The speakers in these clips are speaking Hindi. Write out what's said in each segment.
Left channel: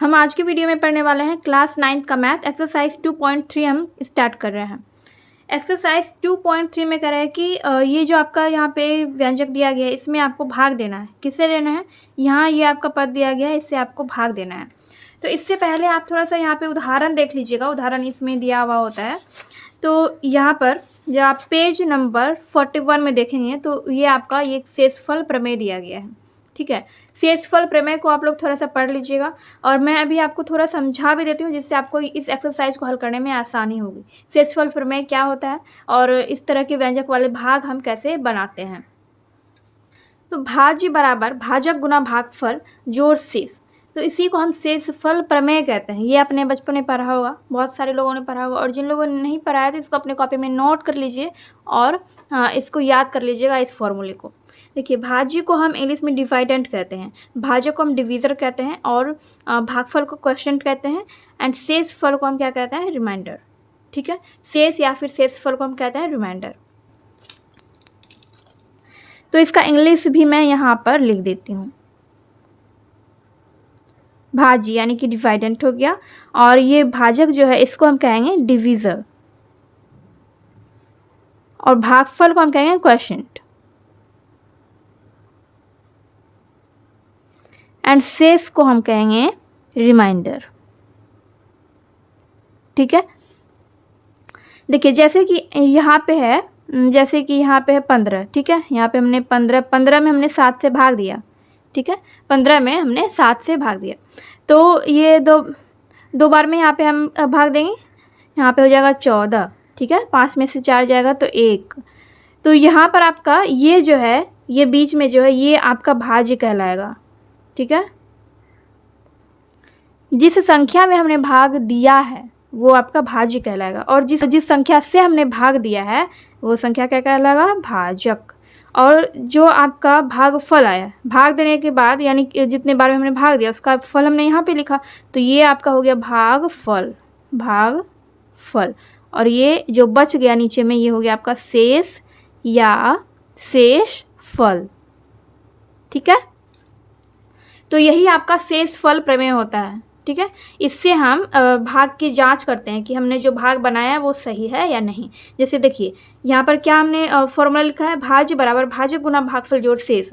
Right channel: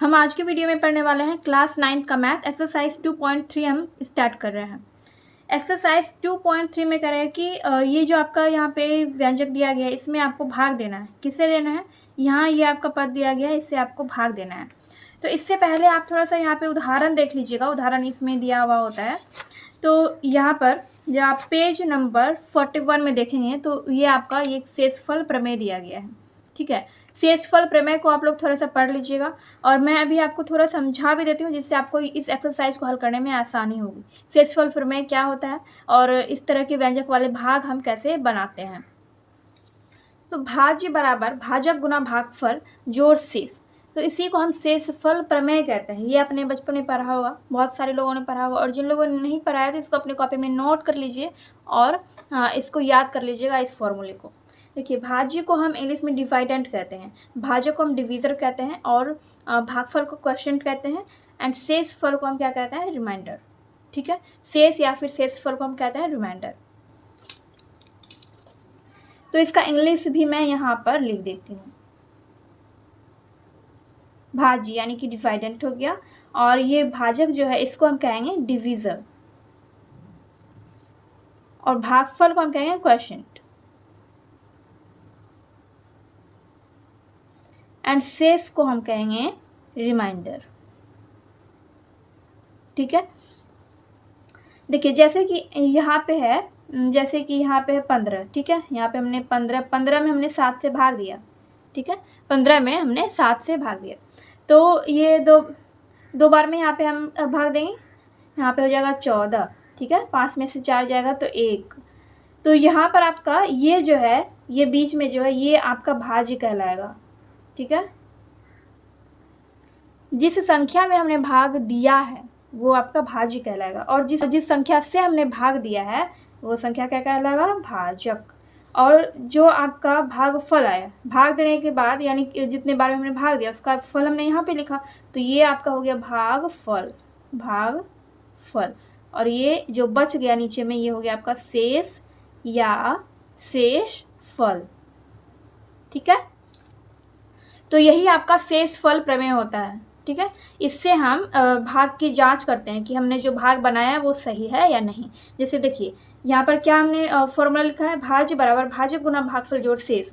हम आज के वीडियो में पढ़ने वाले हैं क्लास 9th का मैथ एक्सरसाइज 2.3 हम स्टार्ट कर रहे हैं। एक्सरसाइज 2.3 में कह रहा है कि ये जो आपका यहाँ पे व्यंजक दिया गया है इसमें आपको भाग देना है। किससे देना है? यहाँ ये आपका पद दिया गया है, इससे आपको भाग देना है। तो इससे पहले आप थोड़ा सा यहाँ पे उदाहरण देख लीजिएगा, उदाहरण इसमें दिया हुआ होता है। तो यहाँ पर जब आप पेज नंबर 41 में देखेंगे तो ये आपका ये शेषफल प्रमेय दिया गया है। ठीक है, शेषफल प्रमेय को आप लोग थोड़ा सा पढ़ लीजिएगा और मैं अभी आपको थोड़ा समझा भी देती हूँ जिससे आपको इस एक्सरसाइज को हल करने में आसानी होगी। शेषफल प्रमेय क्या होता है और इस तरह के व्यंजक वाले भाग हम कैसे बनाते हैं। तो भाज्य बराबर भाजक गुना भागफल जोड़ शेष, तो इसी को हम शेषफल प्रमेय कहते हैं। ये अपने बचपन में पढ़ा होगा, बहुत सारे लोगों ने पढ़ा होगा, और जिन लोगों ने नहीं पढ़ा है तो इसको अपने कॉपी में नोट कर लीजिए और इसको याद कर लीजिएगा इस फॉर्मूले को। देखिए, भाज्य को हम इंग्लिश में डिवाइडेंट कहते हैं, भाजक को हम डिवीज़र कहते हैं और भागफल को क्वोशिएंट कहते हैं एंड शेषफल को हम क्या कहते हैं? रिमाइंडर। ठीक है, शेष या फिर शेषफल को हम कहते हैं रिमाइंडर। तो इसका इंग्लिश भी मैं यहाँ पर लिख देती हूँ। भाज्य यानी कि डिवाइडेंट हो गया और ये भाजक जो है इसको हम कहेंगे डिवीज़र और भागफल को हम कहेंगे क्वोशिएंट एंड शेष को हम कहेंगे रिमाइंडर। ठीक है, देखिए जैसे कि यहाँ पे है, जैसे कि यहाँ पे है 15। ठीक है, यहाँ पे हमने 15 में हमने 7 से भाग दिया। ठीक है, 15 में हमने 7 से भाग दिया, तो ये दो बार में यहाँ पे हम भाग देंगे, यहाँ पे हो जाएगा 14। ठीक है, 5 में से 4 जाएगा तो 1। तो यहाँ पर आपका ये जो है, ये बीच में जो है ये आपका भाज्य कहलाएगा। ठीक है, जिस संख्या में हमने भाग दिया है वो आपका भाज्य कहलाएगा और जिस संख्या से हमने भाग दिया है वो संख्या क्या कहलाएगा? भाजक। और जो आपका भागफल आया, भाग देने के बाद यानी कि जितने बार में हमने भाग दिया उसका फल हमने यहाँ पे लिखा, तो ये आपका हो गया भागफल, भागफल। और ये जो बच गया नीचे में ये हो गया आपका शेष या शेषफल। ठीक है, तो यही आपका शेषफल प्रमेय होता है। ठीक है, इससे हम भाग की जांच करते हैं कि हमने जो भाग बनाया है वो सही है या नहीं। जैसे देखिए यहाँ पर क्या हमने फॉर्मूला लिखा है, भाज्य बराबर भाजक गुना भागफल जोड़ शेष।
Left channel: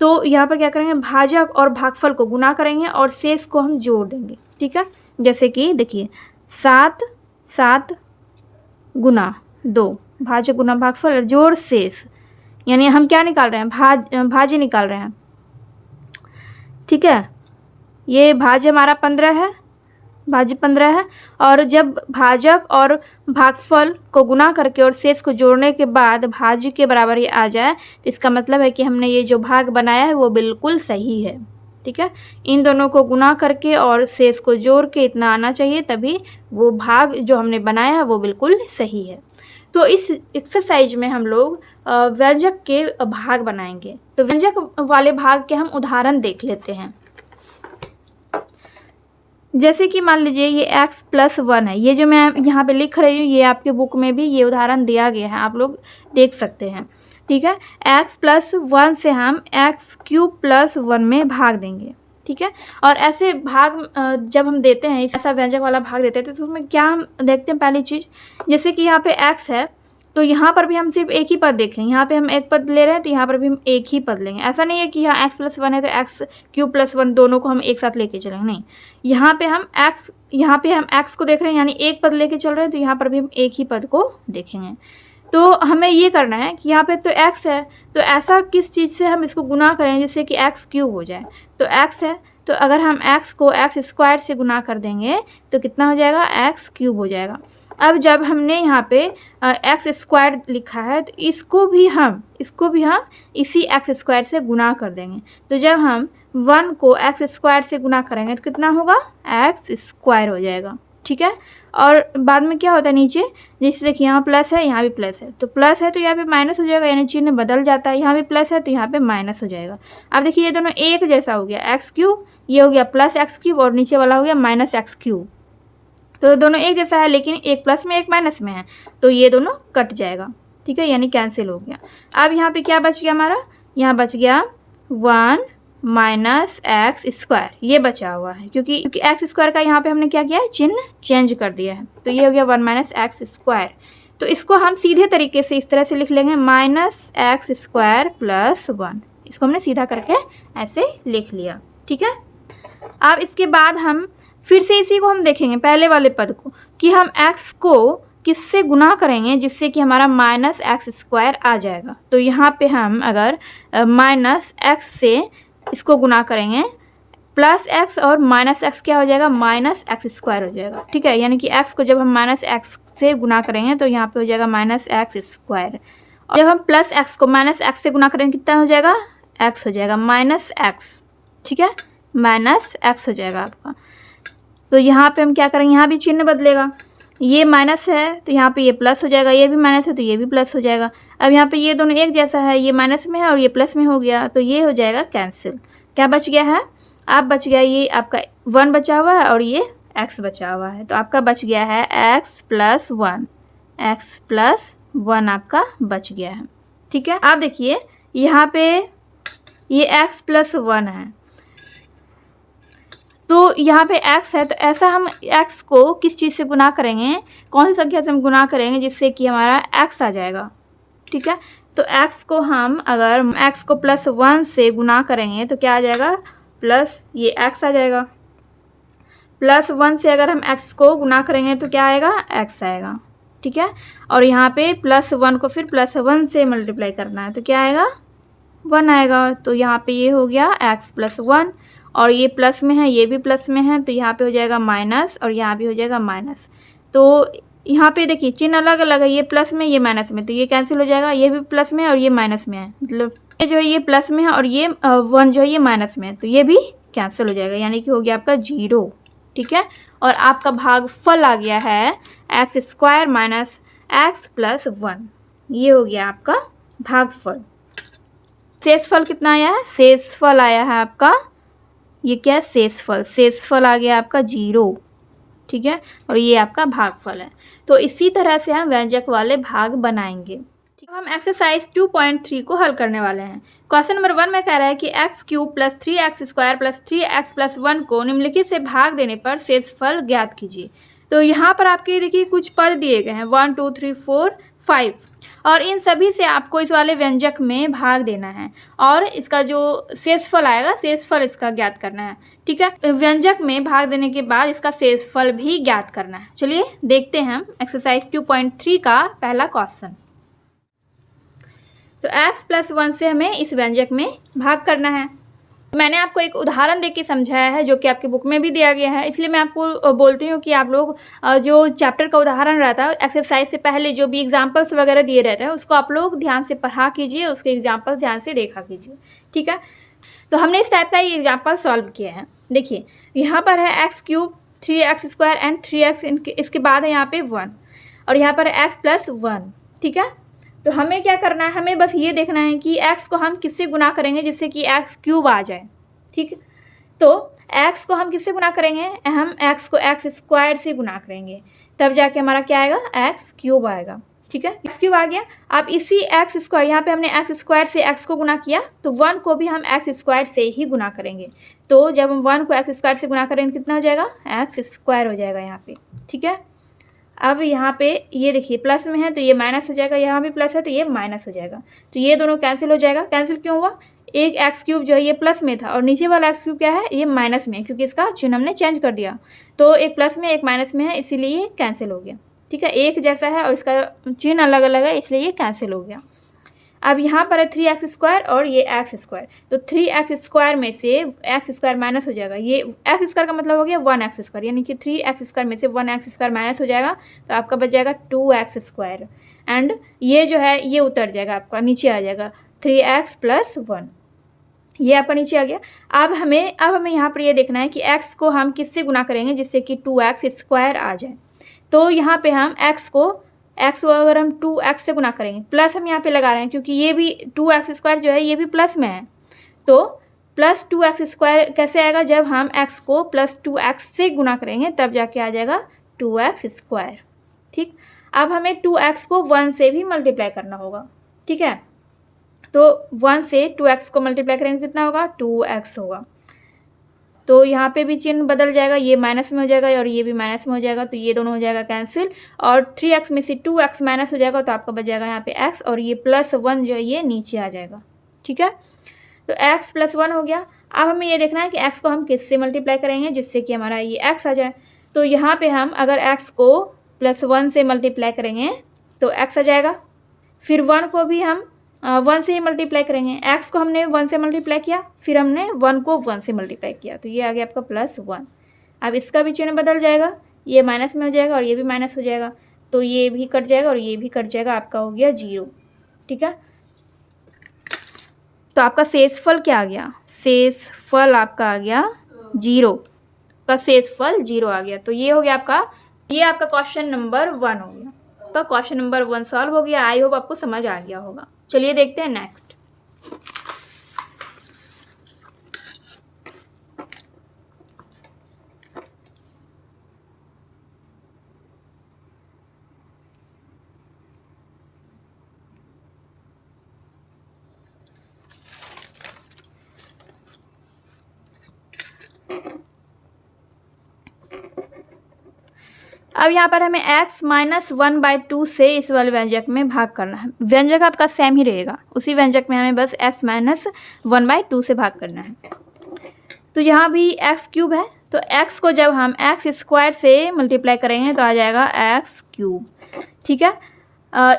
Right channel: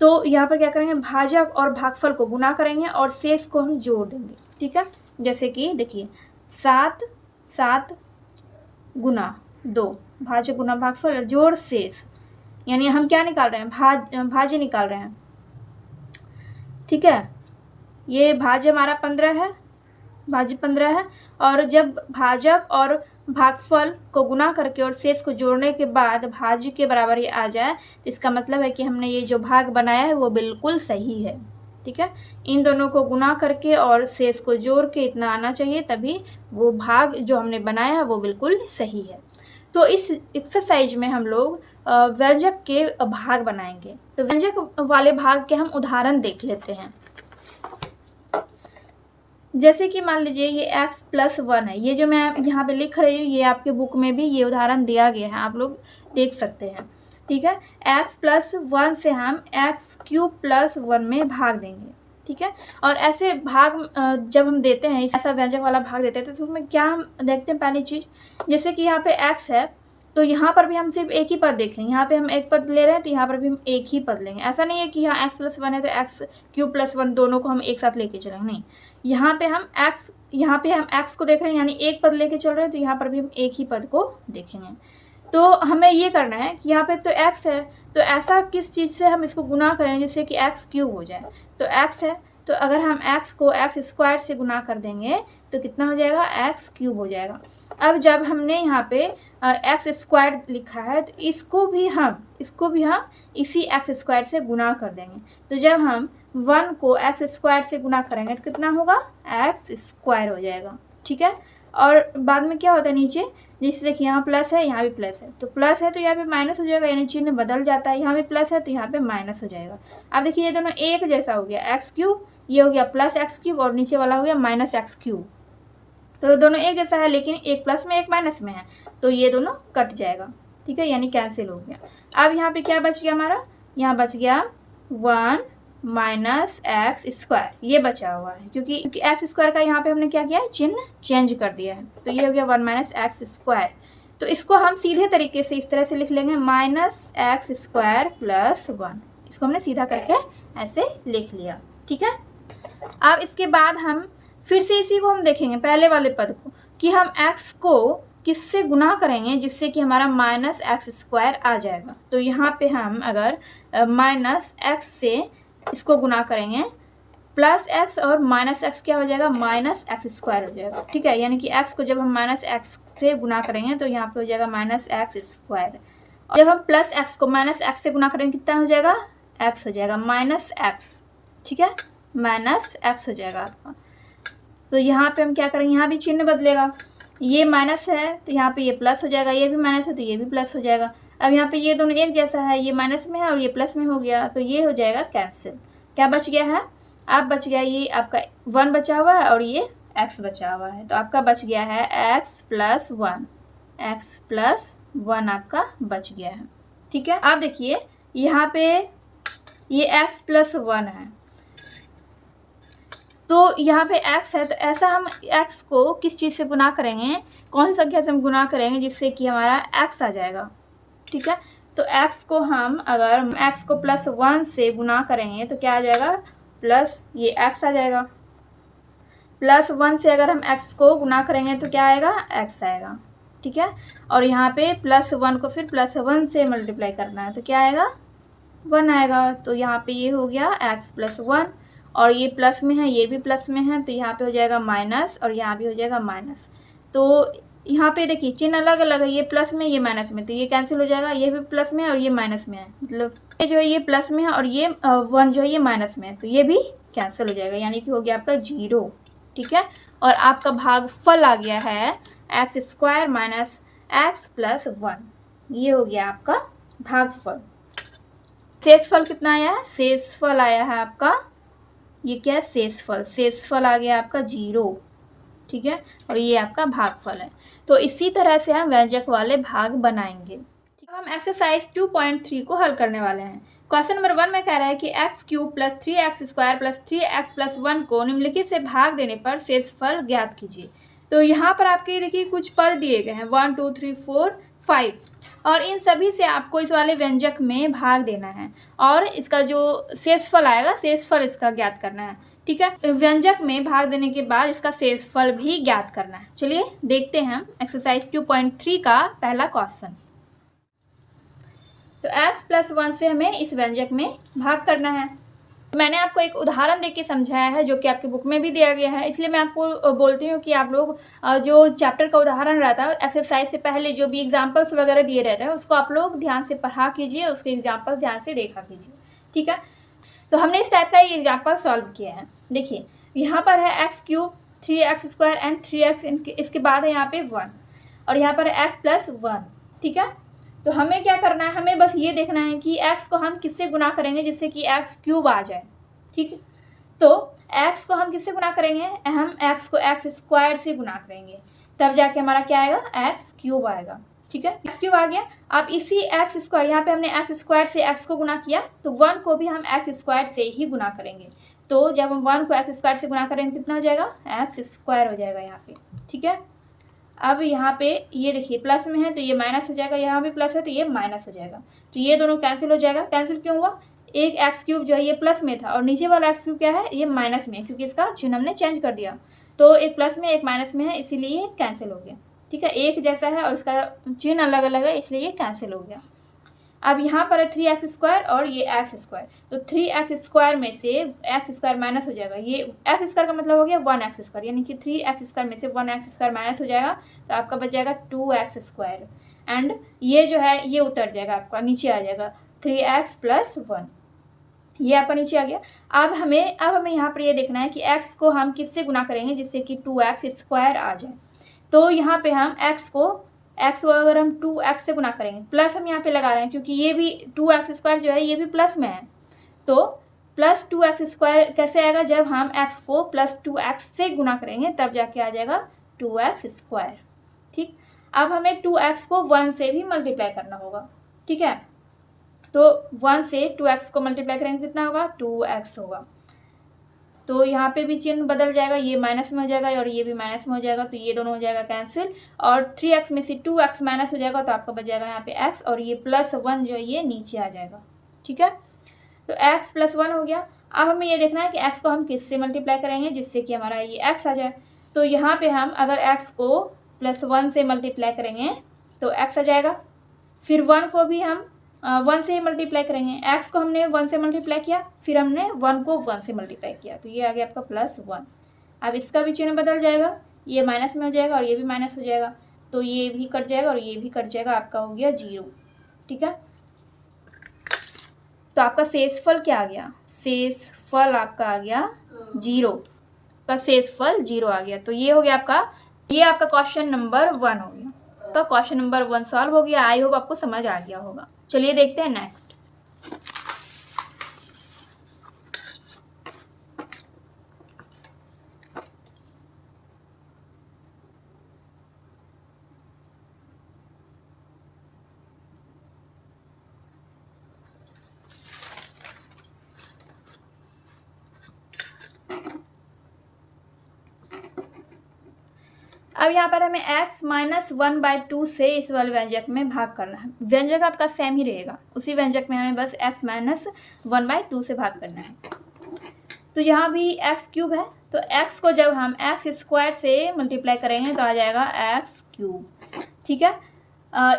तो यहाँ पर क्या करेंगे, भाजक और भागफल को गुना करेंगे और शेष को हम जोड़ देंगे। ठीक है, जैसे कि देखिए 7 गुना 2, भाजक गुना भागफल जोड़ शेष, यानी हम क्या निकाल रहे हैं? भाज्य निकाल रहे हैं। ठीक है, ये भाज्य हमारा 15 है, भाज्य 15 है और जब भाजक और भागफल को गुना करके और शेष को जोड़ने के बाद भाज्य के बराबर ये आ जाए तो इसका मतलब है कि हमने ये जो भाग बनाया है वो बिल्कुल सही है। ठीक है, इन दोनों को गुना करके और शेष को जोड़ के इतना आना चाहिए, तभी वो भाग जो हमने बनाया है वो बिल्कुल सही है। तो इस एक्सरसाइज में हम लोग व्यंजक के भाग बनाएंगे। तो व्यंजक वाले भाग के हम उदाहरण देख लेते हैं। जैसे कि मान लीजिए ये x + 1 है, ये जो मैं यहाँ पे लिख रही हूँ ये आपके बुक में भी ये उदाहरण दिया गया है, आप लोग देख सकते हैं। ठीक है, x + 1 से हम x³ + 1 में भाग देंगे। ठीक है, और ऐसे भाग जब हम देते हैं, ऐसा व्यंजक वाला भाग देते हैं तो उसमें क्या हम देखते हैं? पहली चीज़, जैसे कि यहाँ पे x है तो यहाँ पर भी हम सिर्फ एक ही पद देखेंगे, यहाँ पे हम एक पद ले रहे हैं तो यहाँ पर भी हम एक ही पद लेंगे। ऐसा नहीं है कि यहाँ x + 1 है तो x³ + 1 दोनों को हम एक साथ लेके चलेंगे, नहीं। यहाँ पे हम x को देख रहे हैं यानी एक पद लेके चल रहे हैं, तो यहाँ पर भी हम एक ही पद को देखेंगे। तो हमें ये करना है कि यहाँ पे तो x है, तो ऐसा किस चीज़ से हम इसको गुना करें जिससे कि x³ हो जाए। तो x है तो अगर हम x को x² से गुना कर देंगे तो कितना हो जाएगा? x³ हो जाएगा। अब जब हमने यहाँ पे x² लिखा है तो इसको भी हम इसी x² से गुना कर देंगे। तो जब हम 1 को x² से गुना करेंगे तो कितना होगा? x² हो जाएगा। ठीक है, और बाद में क्या होता है नीचे, जैसे देखिए यहाँ प्लस है यहाँ भी प्लस है, तो प्लस है तो यहाँ पे माइनस हो जाएगा, यानी चिन्ह बदल जाता है। यहाँ भी प्लस है तो यहाँ पे माइनस हो जाएगा। अब देखिए ये दोनों एक जैसा हो गया, x³ ये हो गया +x³ और नीचे वाला हो गया -x³। तो दोनों एक जैसा है लेकिन एक प्लस में एक माइनस में है, तो ये दोनों कट जाएगा। ठीक है, यानी कैंसिल हो गया। अब यहाँ पे क्या बच गया हमारा? यहाँ बच गया 1 माइनस एक्स स्क्वायर, ये बचा हुआ है क्योंकि एक्स स्क्वायर का यहाँ पे हमने क्या किया है, चिन्ह चेंज कर दिया है। तो ये हो गया 1 माइनस एक्स स्क्वायर। तो इसको हम सीधे तरीके से इस तरह से लिख लेंगे, माइनस एक्स स्क्वायर प्लस 1। इसको हमने सीधा करके ऐसे लिख लिया, ठीक है। अब इसके बाद हम फिर से इसी को हम देखेंगे पहले वाले पद को, कि हम x को किससे गुना करेंगे जिससे कि हमारा माइनस एक्स स्क्वायर आ जाएगा। तो यहाँ पे हम अगर माइनस एक्स से इसको गुना करेंगे, प्लस एक्स और माइनस एक्स क्या हो जाएगा, माइनस एक्स स्क्वायर हो जाएगा, ठीक है। यानी कि x को जब हम माइनस एक्स से गुना करेंगे तो यहाँ पे हो जाएगा माइनस एक्स स्क्वायर। और जब हम प्लस एक्स को माइनस एक्स से गुना करेंगे कितना हो जाएगा, x हो जाएगा माइनस एक्स, ठीक है, माइनस एक्स हो जाएगा आपका। तो यहाँ पे हम क्या करेंगे, यहाँ भी चिन्ह बदलेगा, ये माइनस है तो यहाँ पे ये प्लस हो जाएगा, ये भी माइनस है तो ये भी प्लस हो जाएगा। अब यहाँ पे ये दोनों एक जैसा है, ये माइनस में है और ये प्लस में हो गया, तो ये हो जाएगा कैंसिल। क्या बच गया है, अब बच गया ये आपका 1 बचा हुआ है और ये x बचा हुआ है। तो आपका बच गया है x प्लस 1, x प्लस 1 आपका बच गया है, ठीक है। आप देखिए यहाँ पे ये x प्लस 1 है, तो यहाँ पे x है, तो ऐसा हम x को किस चीज़ से गुना करेंगे, कौन सी संख्या से हम गुना करेंगे जिससे कि हमारा x आ जाएगा, ठीक है। तो x को हम अगर x को प्लस 1 से गुना करेंगे तो क्या आ जाएगा, प्लस ये x आ जाएगा। प्लस 1 से अगर हम x को गुना करेंगे तो क्या आएगा, x आएगा, ठीक है। और यहाँ पे प्लस 1 को फिर प्लस 1 से मल्टीप्लाई करना है तो क्या आएगा, 1 आएगा। तो यहाँ पे ये हो गया x प्लस 1 और ये प्लस में है, ये भी प्लस में है, तो यहाँ पे हो जाएगा माइनस और यहाँ भी हो जाएगा माइनस। तो यहाँ पे देखिए चिन्ह अलग अलग है, ये प्लस में ये माइनस में, तो ये कैंसिल हो जाएगा, ये भी प्लस में और ये माइनस में है, मतलब ये जो है ये प्लस में है और ये 1 जो है ये माइनस में है, तो ये भी कैंसिल हो जाएगा, यानी कि हो गया आपका 0, ठीक है। और आपका भागफल आ गया है x square minus x plus 1, ये हो गया आपका भागफल। शेषफल कितना आया है, शेषफल आया है आपका, ये क्या है, शेषफल, शेषफल आ गया आपका 0, ठीक है। और ये आपका भागफल है। तो इसी तरह से हम व्यंजक वाले भाग बनाएंगे। ठीक है, हम एक्सरसाइज 2.3 को हल करने वाले हैं। क्वेश्चन नंबर 1 में कह रहा है कि x cube plus 3x square plus 3x plus 1 को निम्नलिखित से भाग देने पर शेषफल ज्ञात कीजिए। तो यहाँ पर आपके देखिए कुछ पद दिए गए हैं 1 2 3 4 5 और इन सभी से आपको इस वाले व्यंजक में भाग देना है और इसका जो शेषफल आएगा, शेषफल इसका ज्ञात करना है, ठीक है। व्यंजक में भाग देने के बाद इसका शेषफल भी ज्ञात करना है। चलिए देखते हैं एक्सरसाइज 2.3 का पहला क्वेश्चन। तो x प्लस 1 से हमें इस व्यंजक में भाग करना है। मैंने आपको एक उदाहरण देके समझाया है जो कि आपकी बुक में भी दिया गया है, इसलिए मैं आपको बोलती हूँ कि आप लोग जो चैप्टर का उदाहरण रहता है एक्सरसाइज से पहले जो भी एग्जाम्पल्स वगैरह दिए रहते हैं उसको आप लोग ध्यान से पढ़ा कीजिए, उसके एग्जाम्पल्स ध्यान से देखा कीजिए, ठीक है। तो हमने इस टाइप का ये एग्जाम्पल सॉल्व किया है। देखिए यहाँ पर है x cube 3x square and 3x, इसके बाद है यहाँ पे 1 और यहाँ पर है x प्लस 1, ठीक है। तो हमें क्या करना है, हमें बस ये देखना है कि x को हम किससे गुना करेंगे जिससे कि x क्यूब आ जाए, ठीक है। तो x को हम किससे गुना करेंगे, हम x को x स्क्वायर से गुना करेंगे, तब जाके हमारा क्या आएगा, x क्यूब आएगा, ठीक है। x क्यूब आ गया। अब इसी x स्क्वायर, यहाँ पे हमने x स्क्वायर से x को गुना किया तो 1 को भी हम x स्क्वायर से ही गुना करेंगे। तो जब हम 1 को x स्क्वायर से गुना करेंगे कितना हो जाएगा, x स्क्वायर हो जाएगा यहाँ पे, ठीक है। अब यहाँ पे ये देखिए प्लस में है तो ये माइनस हो जाएगा, यहाँ भी प्लस है तो ये माइनस हो जाएगा, तो ये दोनों कैंसिल हो जाएगा। कैंसिल क्यों हुआ, एक एक्स क्यूब जो है ये प्लस में था और नीचे वाला एक्स क्यूब क्या है, ये माइनस में है, क्योंकि इसका चिन्ह हमने चेंज कर दिया। तो एक प्लस में एक माइनस में है इसीलिए ये कैंसिल हो गया, ठीक है। एक जैसा है और इसका चिन्ह अलग अलग है इसलिए ये कैंसिल हो गया। अब यहाँ पर है 3x स्क्वायर और ये x स्क्वायर, तो 3x स्क्वायर में से x स्क्वायर माइनस हो जाएगा, ये x स्क्वायर का मतलब हो गया 1x स्क्वायर, यानी कि 3x स्क्वायर में से 1x स्क्वायर माइनस हो जाएगा तो आपका बच जाएगा 2x स्क्वायर एंड ये जो है ये उतर जाएगा, आपका नीचे आ जाएगा 3x प्लस 1, ये आपका नीचे आ गया। अब हमें यहाँ पर ये देखना है कि x को हम किससे गुना करेंगे जिससे कि 2x स्क्वायर आ जाए। तो यहाँ पे हम x को अगर हम 2x से गुना करेंगे, प्लस हम यहाँ पे लगा रहे हैं क्योंकि ये भी 2x स्क्वायर जो है ये भी प्लस में है, तो प्लस 2x स्क्वायर कैसे आएगा, जब हम x को प्लस 2x से गुना करेंगे तब जाके आ जाएगा 2x स्क्वायर, ठीक। अब हमें 2x को 1 से भी मल्टीप्लाई करना होगा, ठीक है। तो 1 से 2x को मल्टीप्लाई करेंगे कितना होगा, 2x होगा। तो यहाँ पे भी चिन्ह बदल जाएगा, ये माइनस में हो जाएगा और ये भी माइनस में हो जाएगा, तो ये दोनों हो जाएगा कैंसिल। और 3x में से 2x माइनस हो जाएगा, तो आपका बच जाएगा यहाँ पे x, और ये +1 जो है ये नीचे आ जाएगा। ठीक है, तो x +1 हो गया। अब हमें ये देखना है कि x को हम किससे मल्टीप्लाई करेंगे जिससे कि हमारा ये x आ जाए। तो यहाँ पे हम अगर x को +1 से मल्टीप्लाई करेंगे तो x आ जाएगा। फिर 1 को भी हम 1 से ही मल्टीप्लाई करेंगे। x को हमने 1 से मल्टीप्लाई किया, फिर हमने 1 को 1 से मल्टीप्लाई किया, तो ये आ गया आपका +1। अब इसका भी चिन्ह बदल जाएगा, ये माइनस में हो जाएगा और ये भी माइनस हो जाएगा, तो ये भी कट जाएगा और ये भी कट जाएगा, आपका हो गया 0। ठीक है, तो आपका शेषफल क्या आ गया, शेषफल आपका आ गया 0 का शेषफल 0 आ गया। तो ये हो गया आपका, ये आपका क्वेश्चन नंबर 1 हो गया। तो क्वेश्चन नंबर 1 सॉल्व हो गया। आई होप आपको समझ आ गया होगा। चलिए देखते हैं नेक्स्ट। अब यहाँ पर हमें x -1/2 से इस वाले व्यंजक में भाग करना है। व्यंजक आपका सेम ही रहेगा, उसी व्यंजक में हमें बस x -1/2 से भाग करना है। तो यहाँ भी x³ है, तो x को जब हम x² से मल्टीप्लाई करेंगे तो आ जाएगा x³। ठीक है,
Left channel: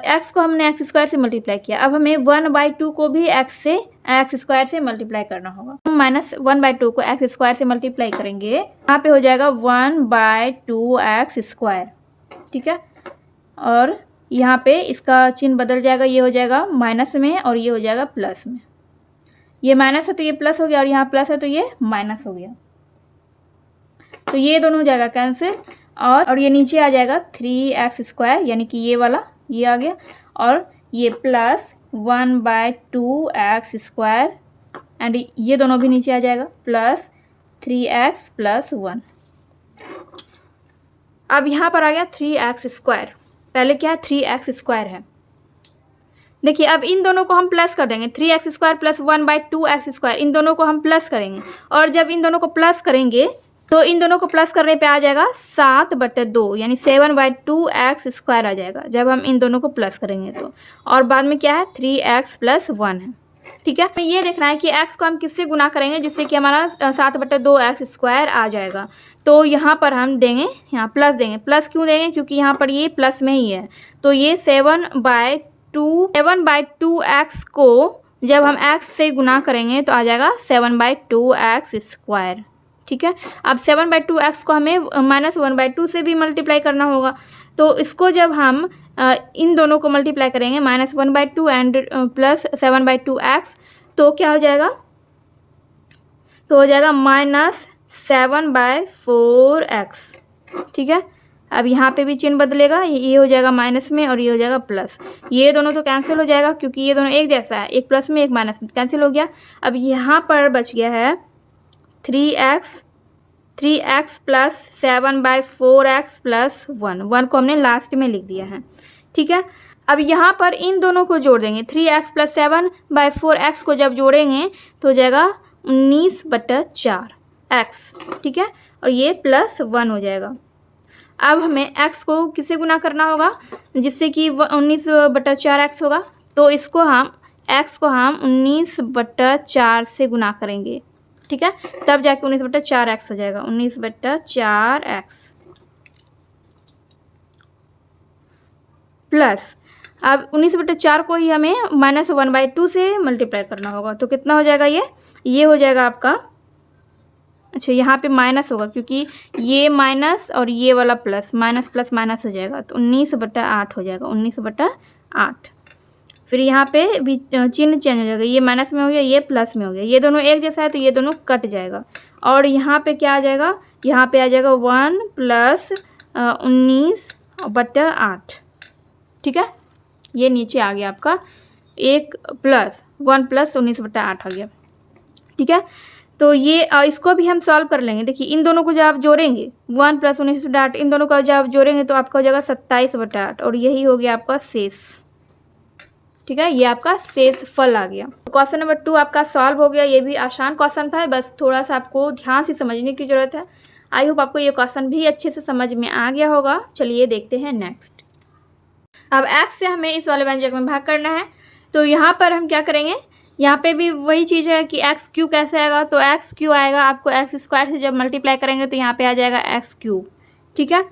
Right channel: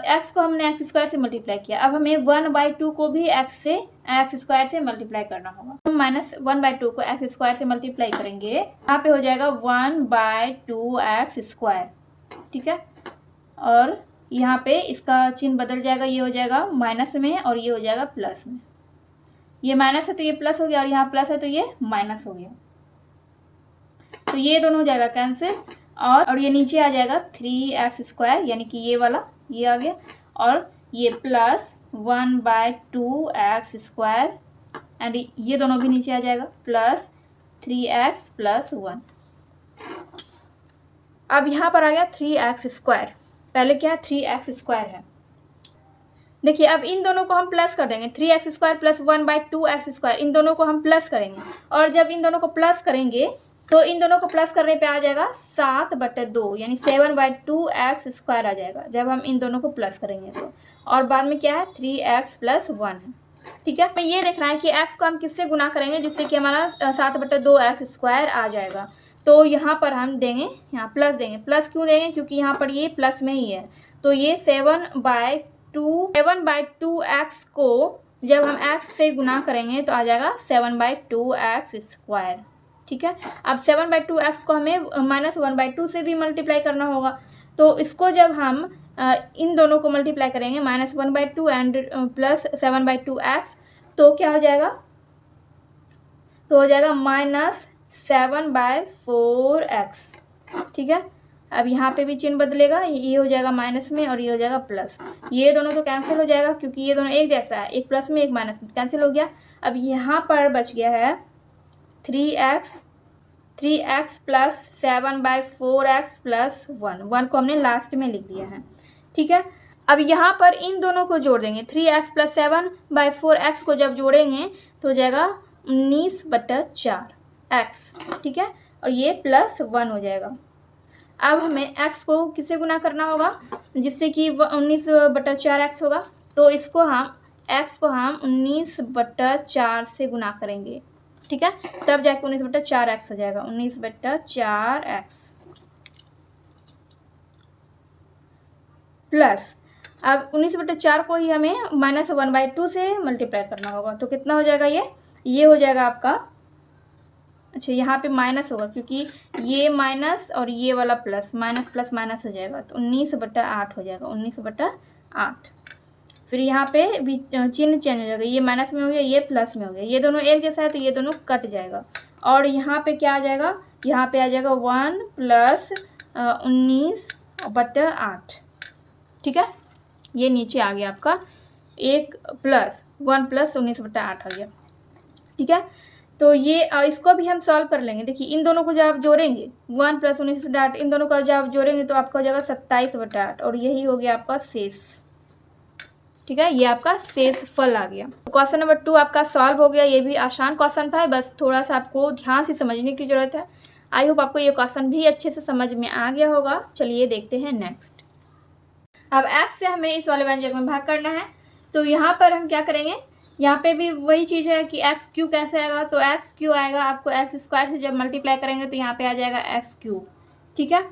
x को हमने x² से मल्टीप्लाई किया, अब हमें 1/2 को भी x² से मल्टीप्लाई करना होगा। हम -1/2 को x² से मल्टीप्लाई करेंगे, यहाँ पे हो जाएगा 1/2x²। ठीक है, और यहाँ पे इसका चिन्ह बदल जाएगा, ये हो जाएगा माइनस में और ये हो जाएगा प्लस में। ये माइनस है तो ये प्लस हो गया, और यहाँ प्लस है तो ये माइनस हो गया, तो ये दोनों हो जाएगा कैंसिल। और ये नीचे आ जाएगा 3x², यानी कि ये वाला ये आ गया, और ये +1/2x², एंड ये दोनों भी नीचे आ जाएगा, +3x + 1। अब यहाँ पर आ गया 3x², पहले क्या है 3x² है। देखिए अब इन दोनों को हम प्लस कर देंगे, 3x² + 1/2x², इन दोनों को हम प्लस करेंगे, और जब इन दोनों को प्लस करेंगे तो इन दोनों को प्लस करने पे आ जाएगा 7/2, यानी 7/2x² आ जाएगा जब हम इन दोनों को प्लस करेंगे तो। और बाद में क्या है 3x + 1 है। ठीक है, तो ये देखना है कि x को हम किससे गुना करेंगे जिससे कि हमारा 7/2x² आ जाएगा। तो यहाँ पर हम देंगे, यहाँ प्लस देंगे। प्लस क्यों देंगे, क्योंकि यहाँ पर ये प्लस में ही है, तो ये 7/2x को जब हम x से गुना करेंगे तो आ जाएगा 7/2x²। ठीक है, अब 7/2x को हमें -1/2 से भी मल्टीप्लाई करना होगा, तो इसको जब हम इन दोनों को मल्टीप्लाई करेंगे -1/2 एंड +7/2x, तो क्या हो जाएगा, तो हो जाएगा -7/4x। ठीक है, अब यहाँ पे भी चिन्ह बदलेगा, ये हो जाएगा माइनस में और ये हो जाएगा प्लस, ये दोनों तो कैंसिल हो जाएगा क्योंकि ये दोनों एक जैसा है, एक प्लस में एक माइनस में, कैंसिल हो गया। अब यहाँ पर बच गया है 3x + 7/4x + 1 को हमने लास्ट में लिख दिया है। ठीक है, अब यहाँ पर इन दोनों को जोड़ देंगे, 3x + 7/4x को जब जोड़ेंगे तो हो जाएगा 19/4x। ठीक है, और ये +1 हो जाएगा। अब हमें x को किससे गुना करना होगा जिससे कि 19/4x होगा, तो इसको हम x को हम 19/4 से गुना करेंगे। ठीक है, तब जाके 19/4x हो जाएगा, 19/4x प्लस, अब 19/4 को ही हमें -1/2 से मल्टीप्लाई करना होगा, तो कितना हो जाएगा ये हो जाएगा आपका, अच्छा यहाँ पे माइनस होगा क्योंकि ये माइनस और ये वाला प्लस, माइनस प्लस माइनस हो जाएगा, तो 19/8 हो जाएगा, 19/8। फिर यहाँ पे भी चिन्ह चेंज हो जाएगा, ये माइनस में हो गया, ये प्लस में हो गया, ये दोनों एक जैसा है तो ये दोनों कट जाएगा, और यहाँ पे क्या आ जाएगा, यहाँ पे आ जाएगा 1 + 19/8। ठीक है, ये नीचे आ गया आपका 1 + 1 + 19/8 आ गया। ठीक है, तो ये इसको भी हम सॉल्व कर लेंगे। देखिए इन दोनों को जब आप जोड़ेंगे 1 + 19/8, इन दोनों को जब आप जोड़ेंगे तो आपका हो जाएगा 27/8, और यही हो गया आपका शेष। ठीक है, ये आपका शेष फल आ गया। क्वेश्चन नंबर 2 आपका सॉल्व हो गया। ये भी आसान क्वेश्चन था, बस थोड़ा सा आपको ध्यान से समझने की ज़रूरत है। आई होप आपको ये क्वेश्चन भी अच्छे से समझ में आ गया होगा। चलिए देखते हैं नेक्स्ट। अब x से हमें इस वाले व्यंजक में भाग करना है, तो यहाँ पर हम क्या करेंगे, यहाँ पे भी वही चीज़ है कि एक्स क्यू कैसे आएगा, तो एक्स क्यू आएगा आपको एक्स स्क्वायर से जब मल्टीप्लाई करेंगे तो यहाँ पे आ जाएगा एक्स क्यूब। ठीक है,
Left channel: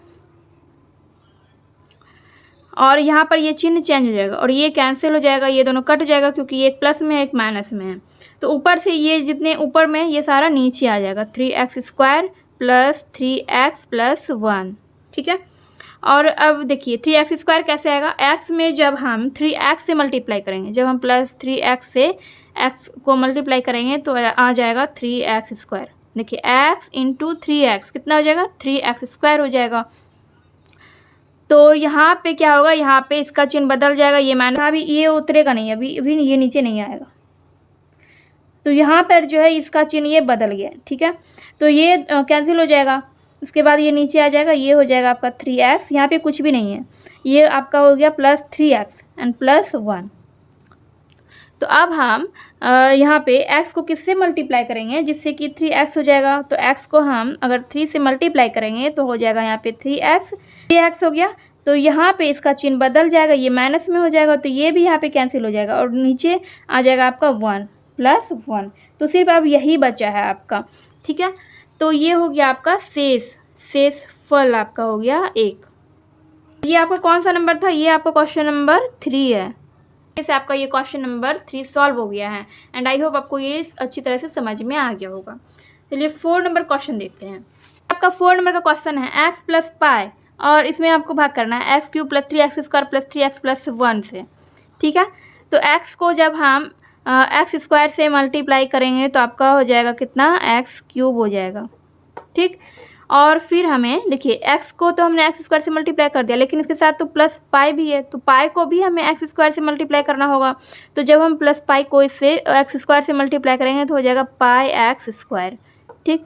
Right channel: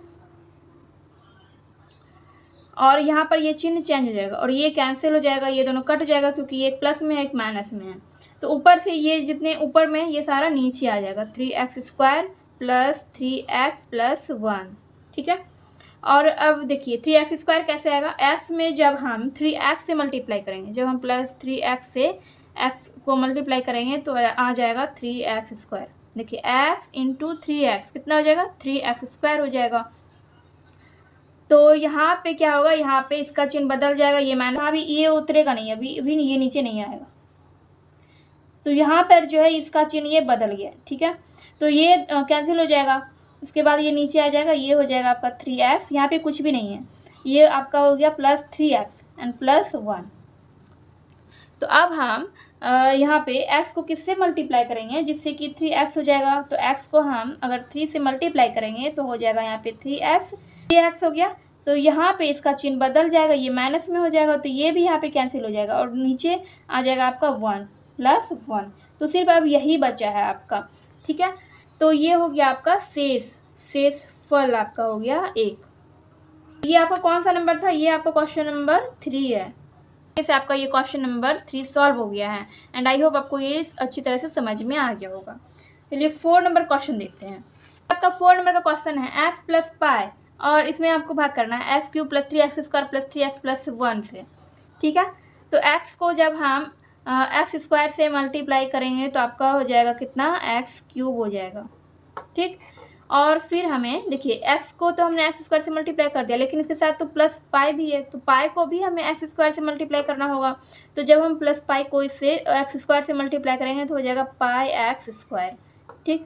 और यहाँ पर ये चिन्ह चेंज हो जाएगा और ये कैंसिल हो जाएगा, ये दोनों कट जाएगा क्योंकि ये एक प्लस में है एक माइनस में है। तो ऊपर से ये जितने ऊपर में ये सारा नीचे आ जाएगा, 3x² प्लस 3x+1। ठीक है, और अब देखिए 3x² कैसे आएगा, x में जब हम 3x से मल्टीप्लाई करेंगे, जब हम प्लस 3x से x को मल्टीप्लाई करेंगे तो आ जाएगा 3x²। देखिए x इंटू 3x कितना हो जाएगा, 3x² हो जाएगा। तो यहाँ पे क्या होगा, यहाँ पे इसका चिन्ह बदल जाएगा, ये माइनस, अभी ये उतरेगा नहीं, अभी ये नीचे नहीं आएगा। तो यहाँ पर जो है इसका चिन्ह ये बदल गया। ठीक है, तो ये कैंसिल हो जाएगा, उसके बाद ये नीचे आ जाएगा, ये हो जाएगा आपका 3x, यहाँ पे कुछ भी नहीं है, ये आपका हो गया प्लस 3x एंड +1। तो अब हम यहाँ पे x को किससे मल्टीप्लाई करेंगे जिससे कि 3x हो जाएगा। तो x को हम अगर 3 से मल्टीप्लाई करेंगे तो हो जाएगा यहाँ पे 3x हो गया। तो यहाँ पे इसका चिन्ह बदल जाएगा, ये माइनस में हो जाएगा, तो ये भी यहाँ पे कैंसिल हो जाएगा और नीचे आ जाएगा आपका 1 +1। तो सिर्फ अब यही बचा है आपका। ठीक है, तो ये हो गया आपका शेष फल आपका हो गया 1। ये आपका कौन सा नंबर था, ये आपका क्वेश्चन नंबर 3 है। से आपका ये क्वेश्चन नंबर 3 सॉल्व हो गया है एंड आई होप आपको ये अच्छी तरह से समझ में आ गया होगा। चलिए 4 नंबर क्वेश्चन देखते हैं। आपका 4 नंबर का क्वेश्चन है x + पाई, और इसमें आपको भाग करना है x³ + 3x² + 3x+1 से। ठीक है, तो x को जब हम x² से मल्टीप्लाई करेंगे तो आपका हो जाएगा कितना, x³ हो जाएगा। ठीक, और फिर हमें देखिए x को तो हमने x² से मल्टीप्लाई कर दिया, लेकिन इसके साथ तो प्लस पाई भी है, तो पाई को भी हमें x² से मल्टीप्लाई करना होगा। तो जब हम प्लस पाई को इससे x² से मल्टीप्लाई करेंगे तो हो जाएगा पाई x²। ठीक,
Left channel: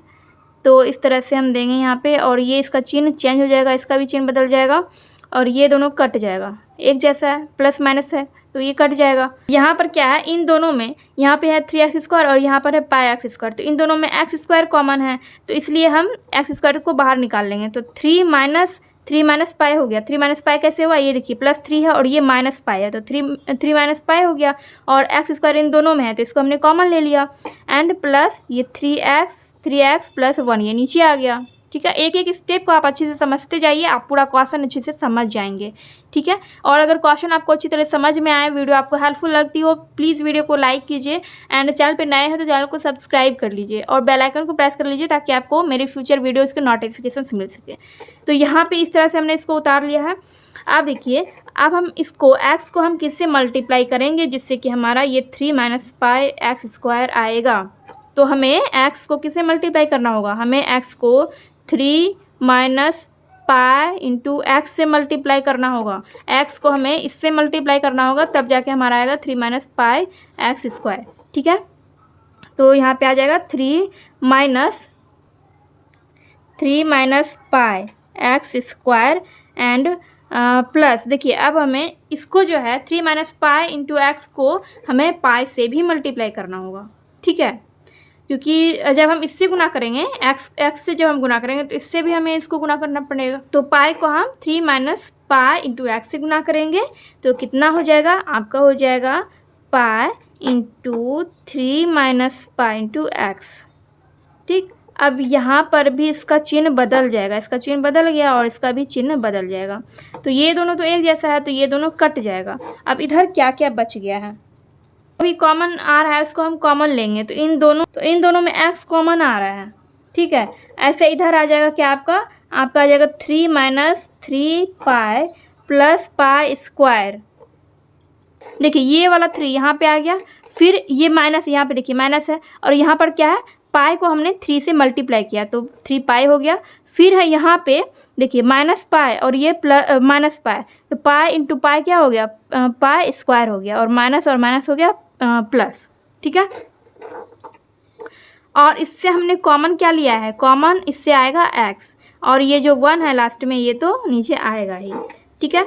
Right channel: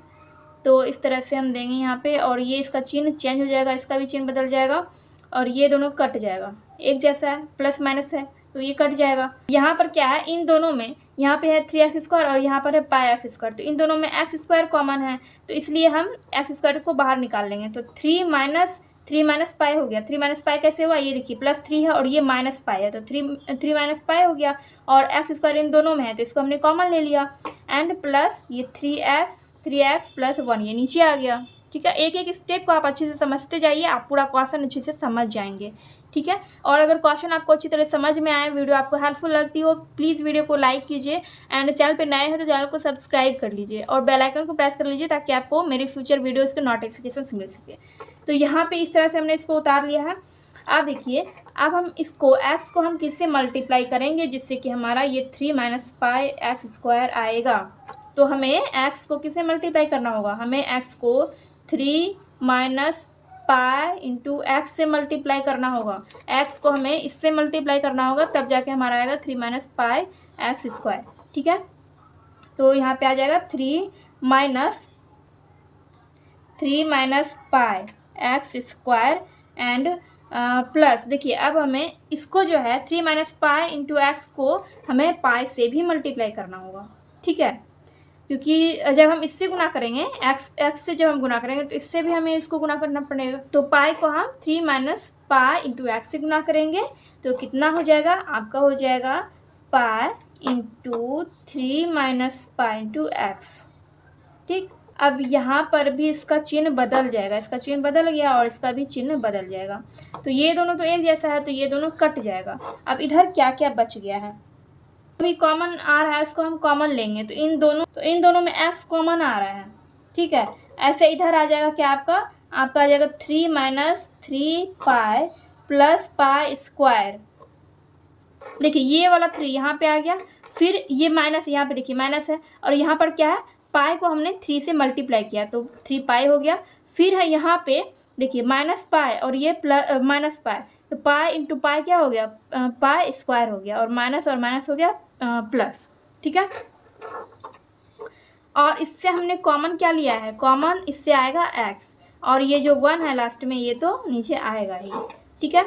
तो इस तरह से हम देंगे यहाँ पे, और ये इसका चिन्ह चेंज हो जाएगा, इसका भी चिन्ह बदल जाएगा और ये दोनों कट जाएगा, एक जैसा है, प्लस माइनस है तो ये कट जाएगा। यहाँ पर क्या है, इन दोनों में यहाँ पे है 3x² और यहाँ पर है पाई x², तो इन दोनों में x² कॉमन है, तो इसलिए हम x² को बाहर निकाल लेंगे। तो 3 माइनस पाई हो गया। 3 माइनस पाई कैसे हुआ, ये देखिए +3 है और ये माइनस पाई है, तो 3 माइनस पाई हो गया, और x² इन दोनों में है तो इसको हमने कॉमन ले लिया, एंड प्लस ये 3x+1 ये नीचे आ गया। ठीक है, एक एक स्टेप को आप अच्छे से समझते जाइए, आप पूरा क्वेश्चन अच्छे से समझ जाएंगे। ठीक है, और अगर क्वेश्चन आपको अच्छी तरह समझ में आए, वीडियो आपको हेल्पफुल लगती हो, प्लीज़ वीडियो को लाइक कीजिए एंड चैनल पे नए हैं तो चैनल को सब्सक्राइब कर लीजिए और बेल आइकन को प्रेस कर लीजिए ताकि आपको मेरे फ्यूचर वीडियोज़ के नोटिफिकेशन मिल सके। तो यहाँ पर इस तरह से हमने इसको उतार लिया है। अब देखिए, अब हम इसको x को हम किससे मल्टीप्लाई करेंगे जिससे कि हमारा ये 3 - पाई x² आएगा। तो हमें x को किससे मल्टीप्लाई करना होगा, हमें x को 3 - पाई इंटू एक्स से मल्टीप्लाई करना होगा। x को हमें इससे मल्टीप्लाई करना होगा, तब जाके हमारा आएगा 3 - पाई x²। ठीक है, तो यहाँ पे आ जाएगा 3 - पाई x² एंड प्लस, देखिए अब हमें इसको जो है 3 - पाई इंटू एक्स को हमें पाई से भी मल्टीप्लाई करना होगा। ठीक है, क्योंकि जब हम इससे गुना करेंगे x से जब हम गुना करेंगे तो इससे भी हमें इसको गुना करना पड़ेगा। तो पाई को हम 3 - पाई इंटू एक्स से गुना करेंगे तो कितना हो जाएगा, आपका हो जाएगा pi into 3 - pi into x. ठीक, अब यहाँ पर भी इसका चिन्ह बदल जाएगा, इसका चिन्ह बदल गया और इसका भी चिन्ह बदल जाएगा। तो ये दोनों तो एक जैसा है तो ये दोनों कट जाएगा। अब इधर क्या क्या बच गया है, अभी कॉमन आ रहा है, उसको हम कॉमन लेंगे, तो इन दोनों में x कॉमन आ रहा है। ठीक है, ऐसे इधर आ जाएगा क्या, आपका आ जाएगा 3 - 3 पाई प्लस पाई²। देखिए ये वाला 3 यहाँ पे आ गया, फिर ये माइनस, यहाँ पे देखिए माइनस है, और यहाँ पर क्या है, पाई को हमने 3 से मल्टीप्लाई किया तो 3 पाई हो गया। फिर है यहाँ पे देखिए -पाई और ये प्लस -पाई, तो पाई इंटू पाई क्या हो गया, पाई² हो गया, और माइनस हो गया प्लस। ठीक है, और इससे हमने कॉमन क्या लिया है, कॉमन इससे आएगा x, और ये जो 1 है लास्ट में ये तो नीचे आएगा ही। ठीक है,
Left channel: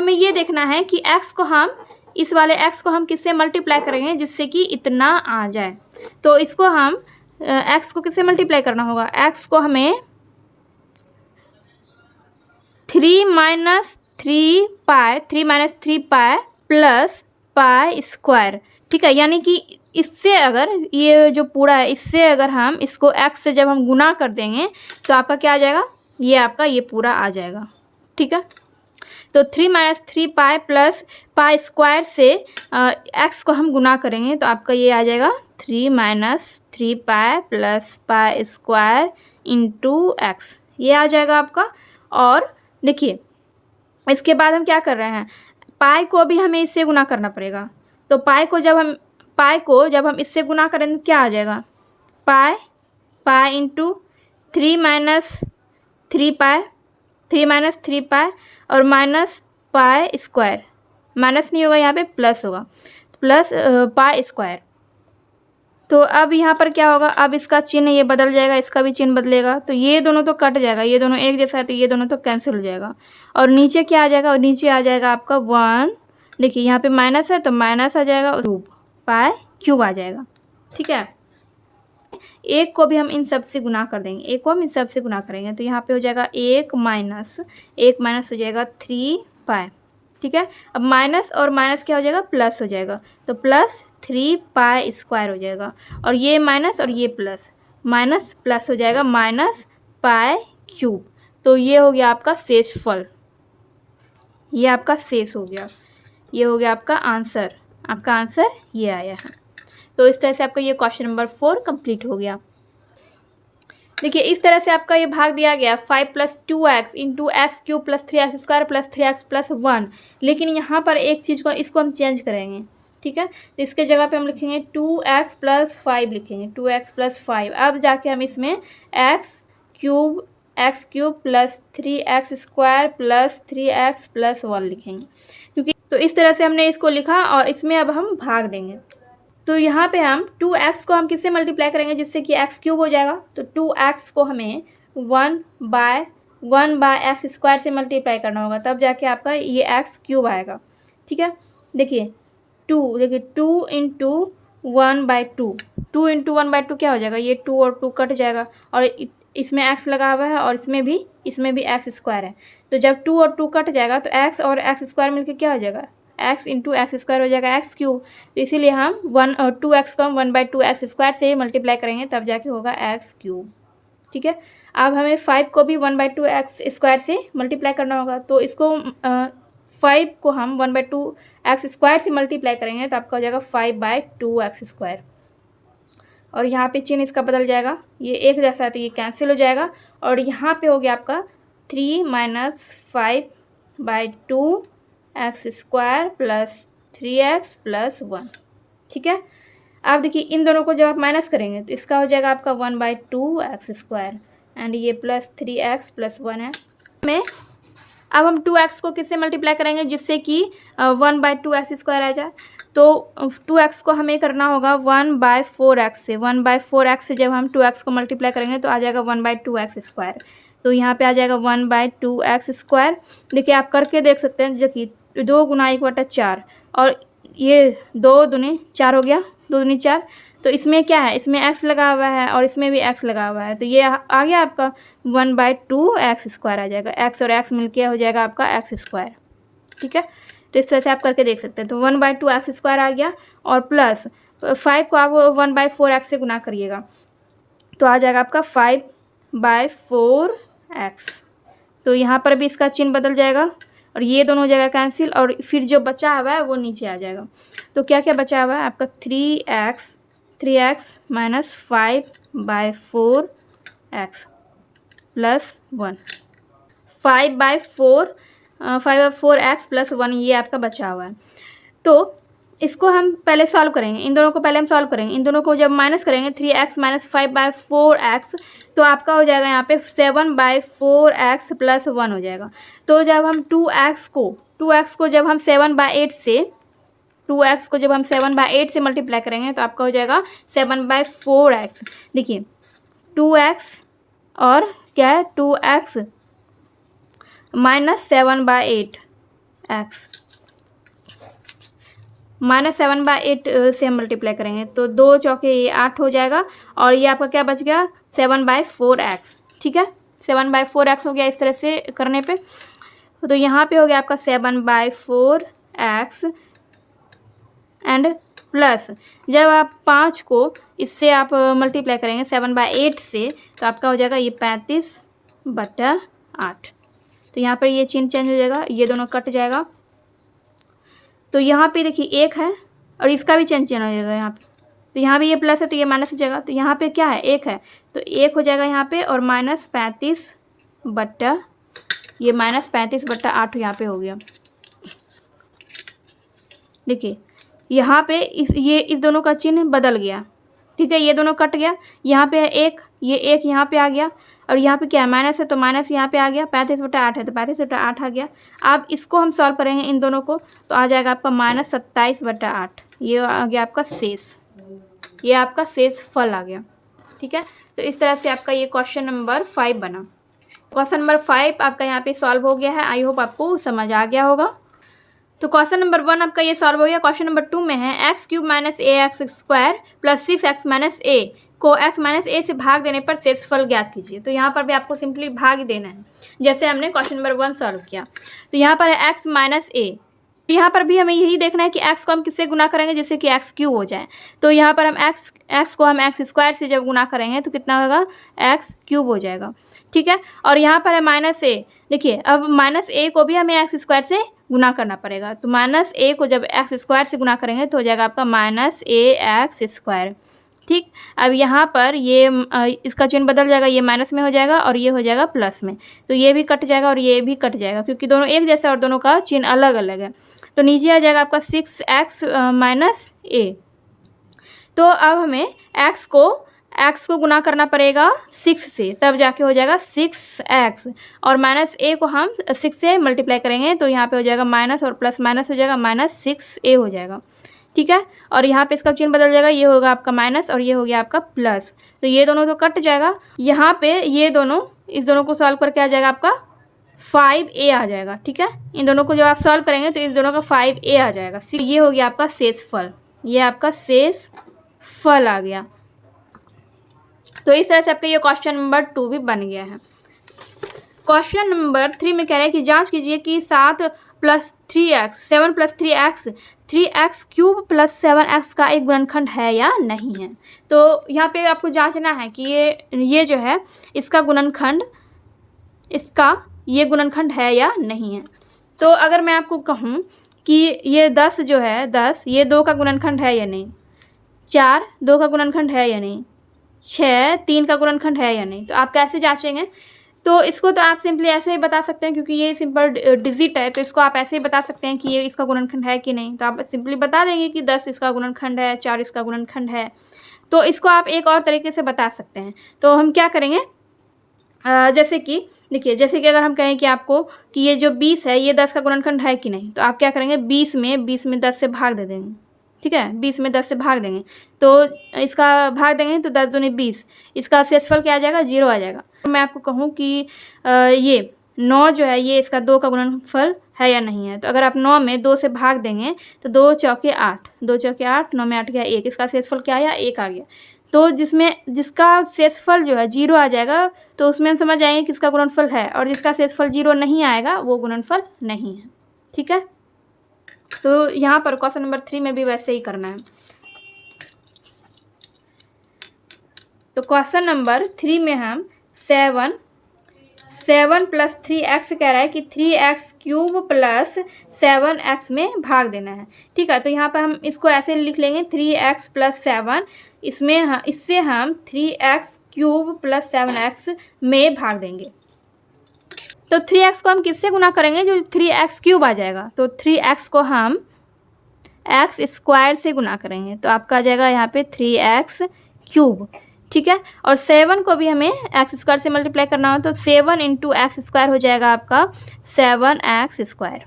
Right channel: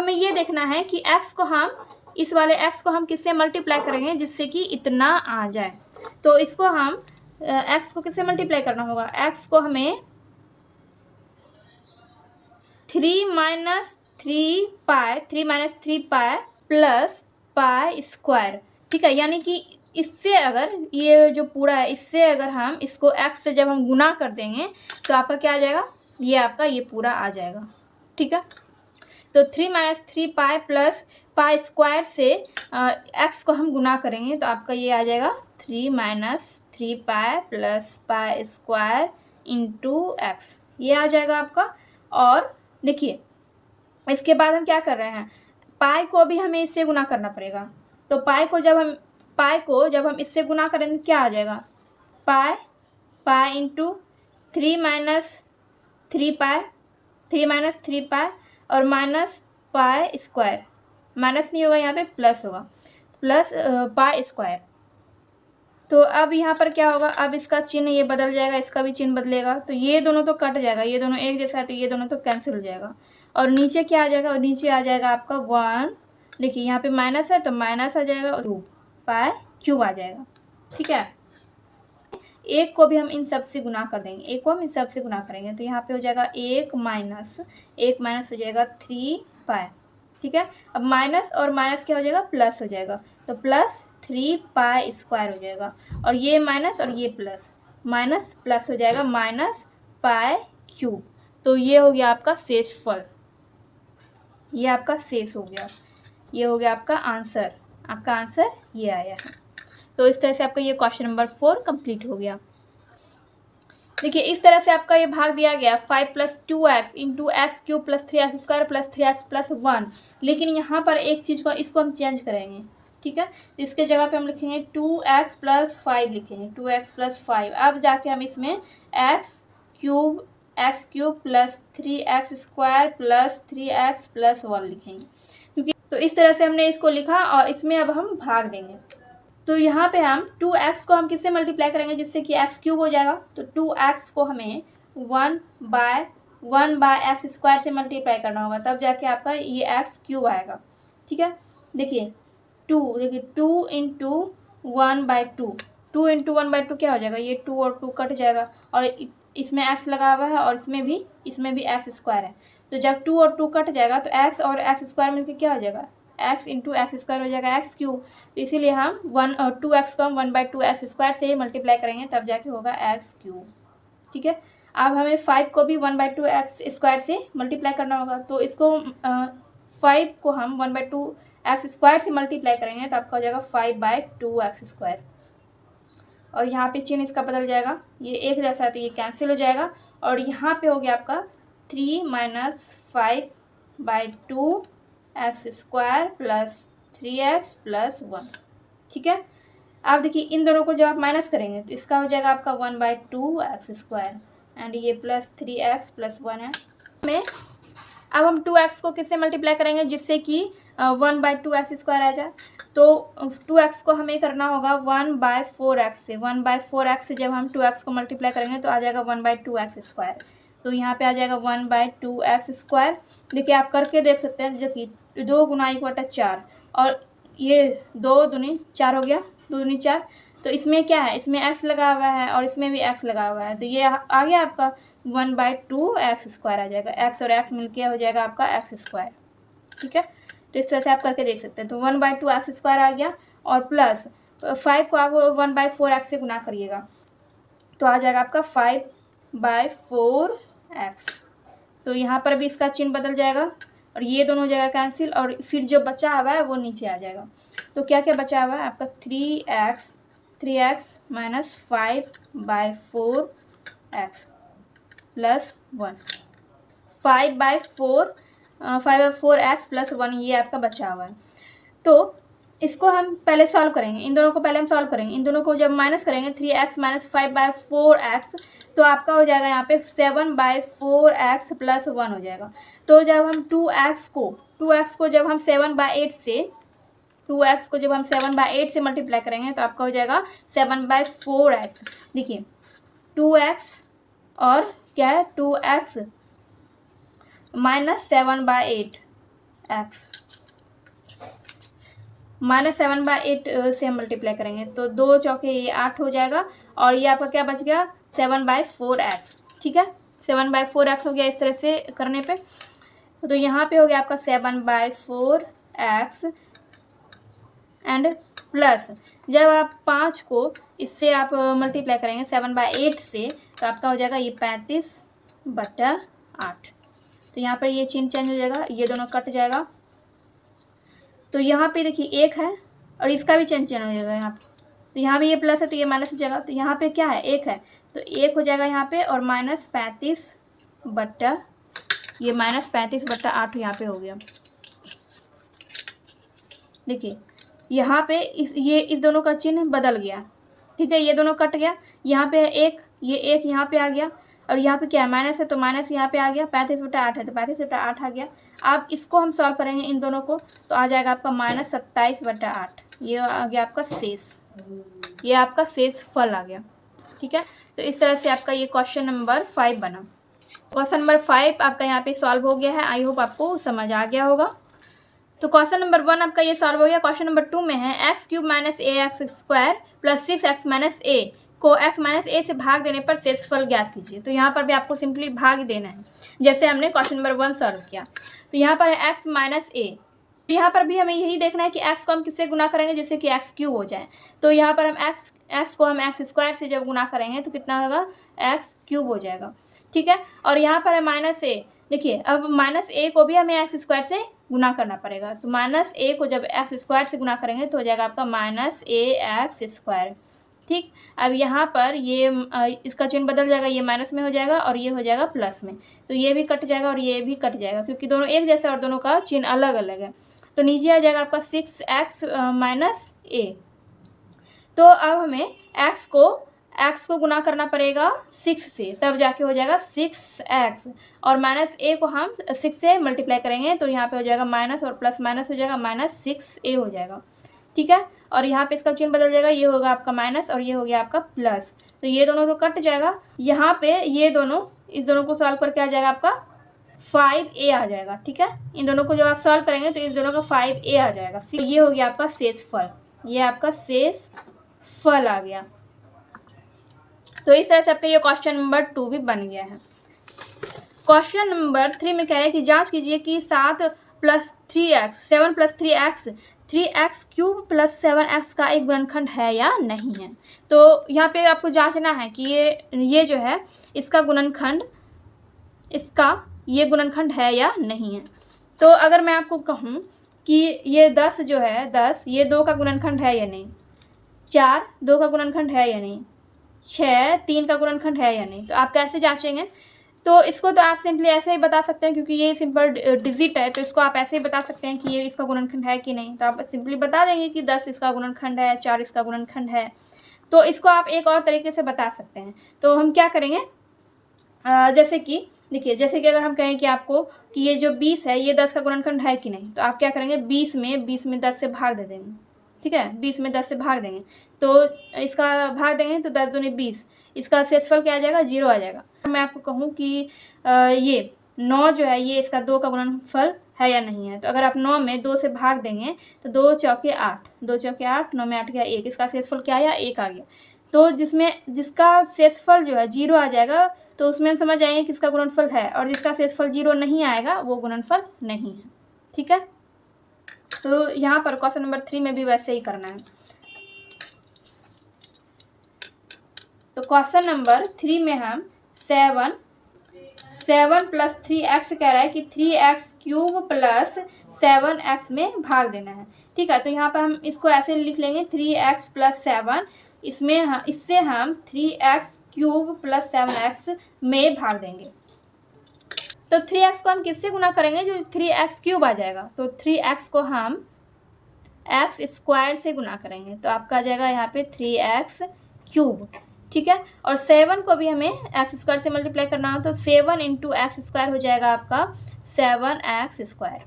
हमें ये देखना है कि x को हम इस वाले x को हम किससे मल्टीप्लाई करेंगे जिससे कि इतना आ जाए। तो इसको हम x को किससे मल्टीप्लाई करना होगा, x को हमें 3 minus three pi plus pi square, ठीक है। यानी कि इससे अगर ये जो पूरा है इससे अगर हम इसको x से जब हम गुना कर देंगे तो आपका क्या आ जाएगा, ये आपका ये पूरा आ जाएगा, ठीक है। तो 3 minus three pi plus pi square से x को हम गुना करेंगे तो आपका ये आ जाएगा 3 minus three pi plus pi square into x, ये आ जाएगा आपका। और देखिए इसके बाद हम क्या कर रहे हैं, पाई को भी हमें इससे गुना करना पड़ेगा। तो पाई को जब हम इससे गुना करेंगे तो क्या आ जाएगा, pi into 3 minus three pi और माइनस पाई स्क्वायर, माइनस नहीं होगा यहाँ पे प्लस होगा, प्लस पाई स्क्वायर। तो अब यहाँ पर क्या होगा, अब इसका चिन्ह ये बदल जाएगा, इसका भी चिन्ह बदलेगा। तो ये दोनों तो कट जाएगा, ये दोनों एक जैसा है तो ये दोनों तो कैंसिल हो जाएगा। और नीचे क्या आ जाएगा, और नीचे आ जाएगा आपका 1, देखिए यहाँ पे माइनस है तो माइनस आ जाएगा, और पाई क्यूब आ जाएगा, ठीक है। एक को भी हम इन सब से गुना कर देंगे, एक को हम इन सब से गुना करेंगे तो यहाँ पे हो जाएगा एक माइनस हो जाएगा 3 पाई, ठीक है। अब माइनस और माइनस क्या हो जाएगा, प्लस हो जाएगा, तो प्लस 3 पाई स्क्वायर हो जाएगा। और ये माइनस और ये प्लस, माइनस प्लस हो जाएगा माइनस पाई क्यूब। तो ये हो गया आपका शेषफल, ये आपका शेष हो गया, ये हो गया आपका आंसर ये आया है। तो इस तरह से आपका ये क्वेश्चन नंबर 4 कंप्लीट हो गया। देखिए इस तरह से आपका ये भाग दिया गया 5 plus 2x into x cube plus 3x square plus 3x plus 1। लेकिन यहाँ पर एक चीज़ को इसको हम चेंज करेंगे, ठीक है। तो इसके जगह पे हम लिखेंगे 2x प्लस 5 लिखेंगे, 2x प्लस 5। अब जाके हम इसमें x cube plus 3x square plus 3x plus 1 लिखेंगे, क्योंकि तो इस तरह से हमने इसको लिखा और इसमें अब हम भाग देंगे। तो यहाँ पे हम 2x को हम किससे मल्टीप्लाई करेंगे जिससे कि x क्यूब हो जाएगा। तो 2x को हमें 1 बाय एक्स स्क्वायर से मल्टीप्लाई करना होगा, तब जाके आपका ये x क्यूब आएगा, ठीक है। देखिए 2 इंटू 1/2 क्या हो जाएगा, ये 2 और 2 कट जाएगा, और इसमें x लगा हुआ है और इसमें भी एक्स स्क्वायर है। तो जब 2 और 2 कट जाएगा तो x और एक्स स्क्वायर मिलकर क्या हो जाएगा, x इंटू एक्स स्क्वायर हो जाएगा एक्स क्यूब। तो इसीलिए हम 2x को हम 1/2 एक्स स्क्वायर से मल्टीप्लाई करेंगे तब जाके होगा एक्स क्यूब, ठीक है। अब हमें 5 को भी 1/2 एक्स स्क्वायर से मल्टीप्लाई करना होगा। तो इसको 5 को हम 1/2 एक्स स्क्वायर से मल्टीप्लाई करेंगे तो आपका हो जाएगा 5/2 एक्स स्क्वायर। और यहाँ पे चिन्ह इसका बदल जाएगा, ये एक जैसा है तो ये कैंसिल हो जाएगा। और यहाँ पे हो गया आपका 3 minus 5/2 x square plus 3x plus 1, ठीक है। अब देखिए इन दोनों को जब आप माइनस करेंगे तो इसका हो जाएगा आपका 1/2 एक्स स्क्वायर एंड ये प्लस 3x प्लस 1 है। में अब हम 2x को किससे मल्टीप्लाई करेंगे जिससे कि 1/2 एक्स स्क्वायर आ जाए। तो 2x को हमें करना होगा 1/4x से, 1/4x से जब हम 2x को मल्टीप्लाई करेंगे तो आ जाएगा 1/2 एक्स स्क्वायर। तो यहाँ पे आ जाएगा 1/2 एक्स स्क्वायर। देखिए आप करके देख सकते हैं, देखिए 2 गुना 1/4 और ये 2 दूनी 4 हो गया, 2 दूनी 4। तो इसमें क्या है, इसमें x लगा हुआ है और इसमें भी x लगा हुआ है, तो ये आ गया आपका 1/2 एक्स स्क्वायर आ जाएगा। x और x मिलके हो जाएगा आपका एक्स स्क्वायर, ठीक है। तो इस तरह से आप करके देख सकते हैं। तो 1/2 एक्स स्क्वायर आ गया और प्लस 5 को आप 1/4 एक्स से गुना करिएगा तो आ जाएगा आपका 5/4 एक्स। तो यहाँ पर भी इसका चिन्ह बदल जाएगा और ये दोनों हो जाएगा कैंसिल, और फिर जो बचा हुआ है वो नीचे आ जाएगा। तो क्या क्या बचा हुआ है आपका 3x minus 5/4 x plus 1, 5/4 x plus 1 ये आपका बचा हुआ है। तो इसको हम पहले सॉल्व करेंगे, इन दोनों को पहले हम सॉल्व करेंगे। इन दोनों को जब माइनस करेंगे 3x माइनस 5/4 एक्स तो आपका हो जाएगा यहाँ पे 7/4 एक्स प्लस 1 हो जाएगा। तो जब हम 2x को जब हम 7/8 से मल्टीप्लाई करेंगे तो आपका हो जाएगा 7/4 एक्स। देखिए 2x और क्या है 2x माइनस 7/8 एक्स -7/8 से हम मल्टीप्लाई करेंगे तो 2 चौके ये 8 हो जाएगा और ये आपका क्या बच गया 7/4x। ठीक है, 7/4x हो गया इस तरह से करने पे। तो यहाँ पे हो गया आपका 7/4x एंड प्लस जब आप 5 को इससे आप मल्टीप्लाई करेंगे 7/8 से तो आपका हो जाएगा ये 35/8। तो यहाँ पर ये चिन्ह चेंज हो जाएगा, ये दोनों कट जाएगा। तो यहाँ पे देखिए 1 है और इसका भी चिन्ह चेंज हो जाएगा यहाँ पे। तो यहाँ भी ये प्लस है तो ये माइनस हो जाएगा। तो यहाँ पे क्या है 1 है तो 1 हो जाएगा यहाँ पे और -35/8 यहाँ पे हो गया। देखिए यहाँ पे इस दोनों का चिन्ह बदल गया। ठीक है, ये दोनों कट गया। यहाँ पे 1, ये 1 यहाँ पे आ गया और यहाँ पे क्या है माइनस है तो माइनस यहाँ पे आ गया। 35/8 है तो 35/8 आ गया। अब इसको हम सॉल्व करेंगे इन दोनों को तो आ जाएगा आपका -27/8। ये आ गया आपका शेष, ये आपका शेष फल आ गया। ठीक है, तो इस तरह से आपका ये क्वेश्चन नंबर 5 बना। क्वेश्चन नंबर 5 आपका यहाँ पे सॉल्व हो गया है। आई होप आपको समझ आ गया होगा। तो क्वेश्चन नंबर 1 आपका ये सॉल्व हो गया। क्वेश्चन नंबर 2 में है x³ - ax² + 6x - a को x - a से भाग देने पर शेषफल ज्ञात कीजिए। तो यहाँ पर भी आपको सिंपली भाग ही देना है जैसे हमने क्वेश्चन नंबर 1 सॉल्व किया। तो यहाँ पर है x - a। यहाँ पर भी हमें यही देखना है कि x को हम किससे गुना करेंगे जिससे कि x³ हो जाए। तो यहाँ पर हम x को हम x² से जब गुना करेंगे तो कितना होगा x³ हो जाएगा। ठीक है, और यहाँ पर है -a। देखिए अब -a को भी हमें x² से गुना करना पड़ेगा। तो -a को जब x² से गुना करेंगे तो हो जाएगा आपका -ax²। ठीक, अब यहाँ पर ये इसका चिन्ह बदल जाएगा, ये माइनस में हो जाएगा और ये हो जाएगा प्लस में। तो ये भी कट जाएगा और ये भी कट जाएगा क्योंकि दोनों एक जैसा और दोनों का चिन्ह अलग अलग है। तो नीचे आ जाएगा आपका 6x - a। तो अब हमें x को गुना करना पड़ेगा 6 से, तब जाके हो जाएगा 6x और -a को हम 6 से मल्टीप्लाई करेंगे तो यहाँ पे हो जाएगा माइनस और प्लस माइनस हो जाएगा -6a हो जाएगा। ठीक है, और यहाँ पे इसका चिन्ह बदल जाएगा, ये होगा आपका माइनस और ये हो गया आपका प्लस। तो ये दोनों तो कट जाएगा। यहाँ पे ये दोनों इस दोनों को सॉल्व करके आ जाएगा आपका 5a आ जाएगा। ठीक है, इन दोनों को जब आप सॉल्व करेंगे तो इस दोनों का 5a आ जाएगा। ये हो गया आपका शेषफल, ये आपका शेषफल आ गया। तो इस तरह से आपका ये क्वेश्चन नंबर 2 भी बन गया है। क्वेश्चन नंबर 3 में कह रहा है कि जांच कीजिए कि 7 + 3x 7 + 3x 3x³ + 7x का एक गुणनखंड है या नहीं है। तो यहाँ पे आपको जांचना है कि ये जो है इसका गुणनखंड ये गुणनखंड है या नहीं है। तो अगर मैं आपको कहूँ कि ये 10 जो है 10 ये 2 का गुणनखंड है या नहीं, 4 2 का गुणनखंड है या नहीं, 6 3 का गुणनखंड है या नहीं, तो आप कैसे जांचेंगे। तो इसको तो आप सिंपली ऐसे ही बता सकते हैं क्योंकि ये सिंपल डिजिट है तो इसको आप ऐसे ही बता सकते हैं कि ये इसका गुणनखंड है कि नहीं। तो आप सिंपली बता देंगे कि 10 इसका गुणनखंड है, 4 इसका गुणनखंड है। तो इसको आप एक और तरीके से बता सकते हैं। तो हम क्या करेंगे, जैसे कि देखिए जैसे कि अगर हम कहें कि आपको कि ये जो 20 है ये 10 का गुणनखंड है कि नहीं, तो आप क्या करेंगे 20 में 10 से भाग दे देंगे। ठीक है, 20 में 10 से भाग देंगे तो इसका भाग देंगे तो 10 दूनी 20, इसका शेषफल क्या आ जाएगा 0 आ जाएगा। मैं आपको कहूँ कि ये 9 जो है ये इसका 2 का गुणनफल है या नहीं है। तो अगर आप 9 में 2 से भाग देंगे तो 2 चौके 8, 2 चौके 8, 9 में 8 गया 1, इसका शेषफल क्या आया 1 आ गया। तो जिसका शेषफल जो है 0 आ जाएगा तो उसमें हम समझ आएंगे किसका गुणनफल है, और जिसका शेषफल 0 नहीं आएगा वो गुणनफल नहीं है। ठीक है, तो यहाँ पर क्वेश्चन नंबर 3 में भी वैसे ही करना है। तो क्वेश्चन नंबर 3 में हम 7 + 3x कह रहा है कि 3x³ + 7x में भाग देना है। ठीक है, तो यहाँ पर हम इसको ऐसे लिख लेंगे 3x + 7, इससे हम 3x³ + 7x में भाग देंगे। तो 3x को हम किससे गुना करेंगे, जो 3x³ आ जाएगा। तो 3x को हम x² से गुना करेंगे तो आपका आ जाएगा यहाँ पे 3x³। ठीक है, और 7 को भी हमें x² से मल्टीप्लाई करना हो तो 7 × x² हो जाएगा आपका 7x²।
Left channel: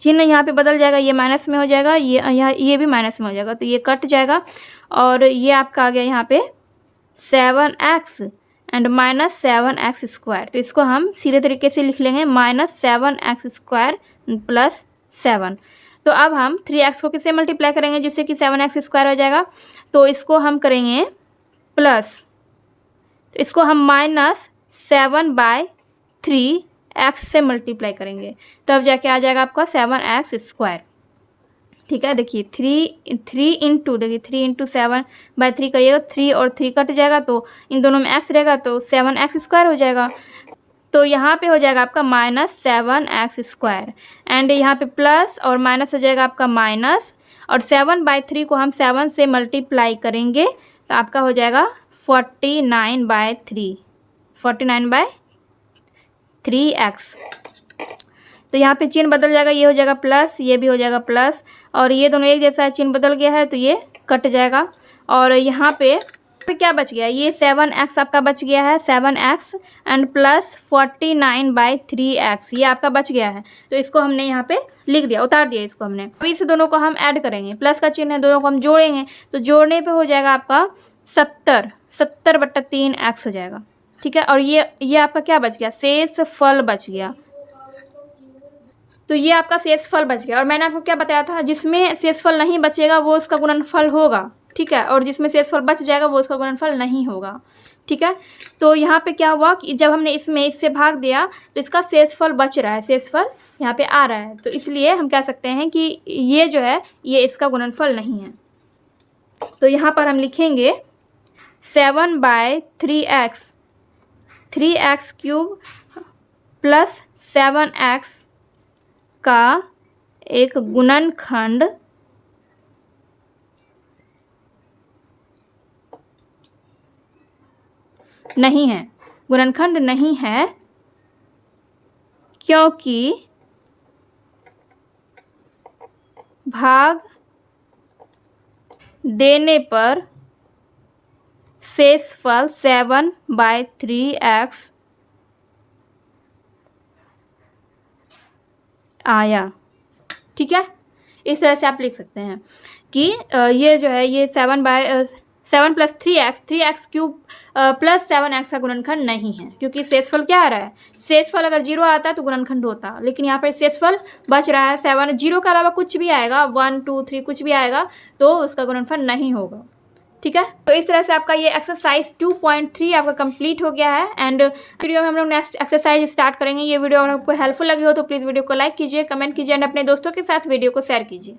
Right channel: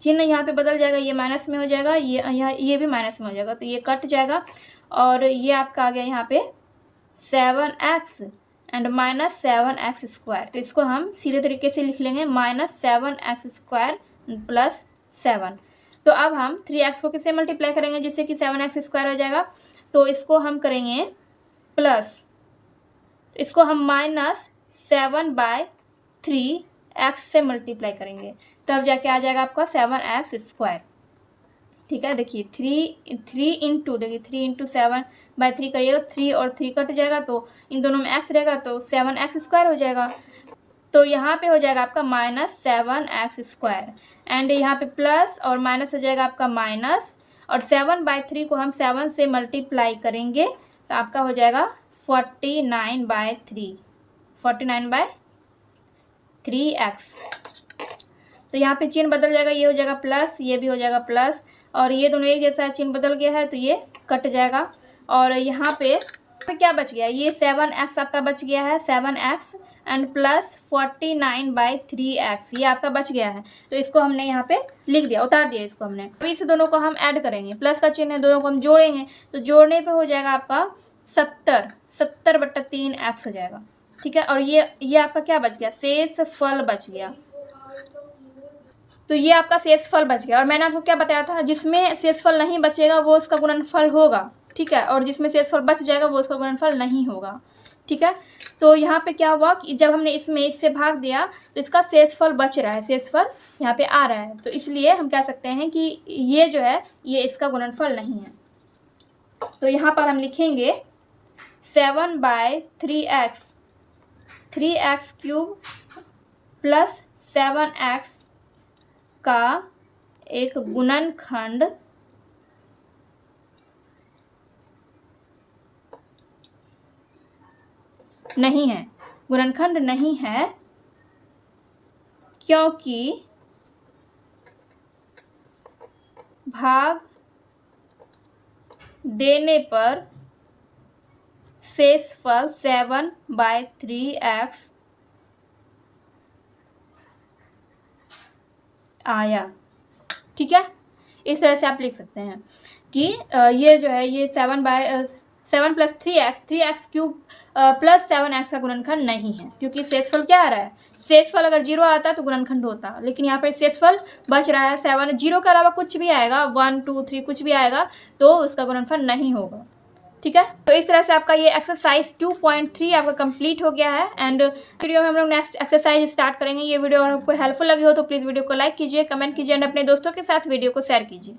चिन्ह यहाँ पे बदल जाएगा, ये माइनस में हो जाएगा, ये भी माइनस में हो जाएगा तो ये कट जाएगा और ये आपका आ गया यहाँ पे 7x एंड -7x²। तो इसको हम सीधे तरीके से लिख लेंगे -7x² + 7। तो अब हम 3x को किससे मल्टीप्लाई करेंगे जिससे कि 7x² हो जाएगा। तो इसको हम करेंगे प्लस, इसको हम -7/3x से मल्टीप्लाई करेंगे, तब जाके आ जाएगा आपका 7x²। ठीक है, देखिए 3 इंटू, देखिए 3 इंटू 7/3 करिएगा, 3 और 3 कट जाएगा तो इन दोनों में x रहेगा तो 7x² हो जाएगा। तो यहाँ पे हो जाएगा आपका -7x² एंड यहाँ पे प्लस और माइनस हो जाएगा आपका माइनस, और 7/3 को हम 7 से मल्टीप्लाई करेंगे तो आपका हो जाएगा 49/3x। तो यहाँ पे चिन्ह बदल जाएगा, ये हो जाएगा प्लस, ये भी हो जाएगा प्लस, और ये दोनों एक जैसा चिन्ह बदल गया है तो ये कट जाएगा। और यहाँ पे क्या बच गया, ये 7x आपका बच गया है, 7x एंड प्लस 49/3x ये आपका बच गया है। तो इसको हमने यहाँ पे लिख दिया, उतार दिया इसको हमने। अभी इस दोनों को हम ऐड करेंगे, प्लस का चिन्ह है, दोनों को हम जोड़ेंगे तो जोड़ने पे हो जाएगा आपका 70/3x हो जाएगा। ठीक है, और ये आपका क्या बच गया, शेष फल बच गया। तो ये आपका शेषफल बच गया। और मैंने आपको क्या बताया था, जिसमें शेषफल नहीं बचेगा वो उसका गुणनफल होगा। ठीक है, और जिसमें शेषफल बच जाएगा वो उसका गुणनफल नहीं होगा। ठीक है, तो यहाँ पे क्या हुआ कि जब हमने इससे भाग दिया तो इसका शेषफल बच रहा है, शेषफल यहाँ पे आ रहा है, तो इसलिए हम कह सकते हैं कि ये जो है ये इसका गुणनफल नहीं है। तो यहाँ पर हम लिखेंगे 7/3x, 3x³ प्लस 7x का एक गुणनखंड नहीं है, गुणनखंड नहीं है, क्योंकि भाग देने पर शेषफल 7/3x आया। ठीक है, इस तरह से आप लिख सकते हैं कि ये जो है ये 7 + 3x, 3x³ प्लस 7x का गुणनखंड नहीं है, क्योंकि शेषफल क्या आ रहा है, शेषफल अगर 0 आता है तो गुणनखंड होता, लेकिन यहाँ पर शेषफल बच रहा है 7, 0 के अलावा कुछ भी आएगा, 1, 2, 3 कुछ भी आएगा तो उसका गुणनफल नहीं होगा। ठीक है, तो इस तरह से आपका ये एक्सरसाइज 2.3 आपका कंप्लीट हो गया है। एंड वीडियो में हम लोग नेक्स्ट एक्सरसाइज स्टार्ट करेंगे। ये वीडियो अगर आपको हेल्पफुल लगी हो तो प्लीज़ वीडियो को लाइक कीजिए, कमेंट कीजिए एंड अपने दोस्तों के साथ वीडियो को शेयर कीजिए।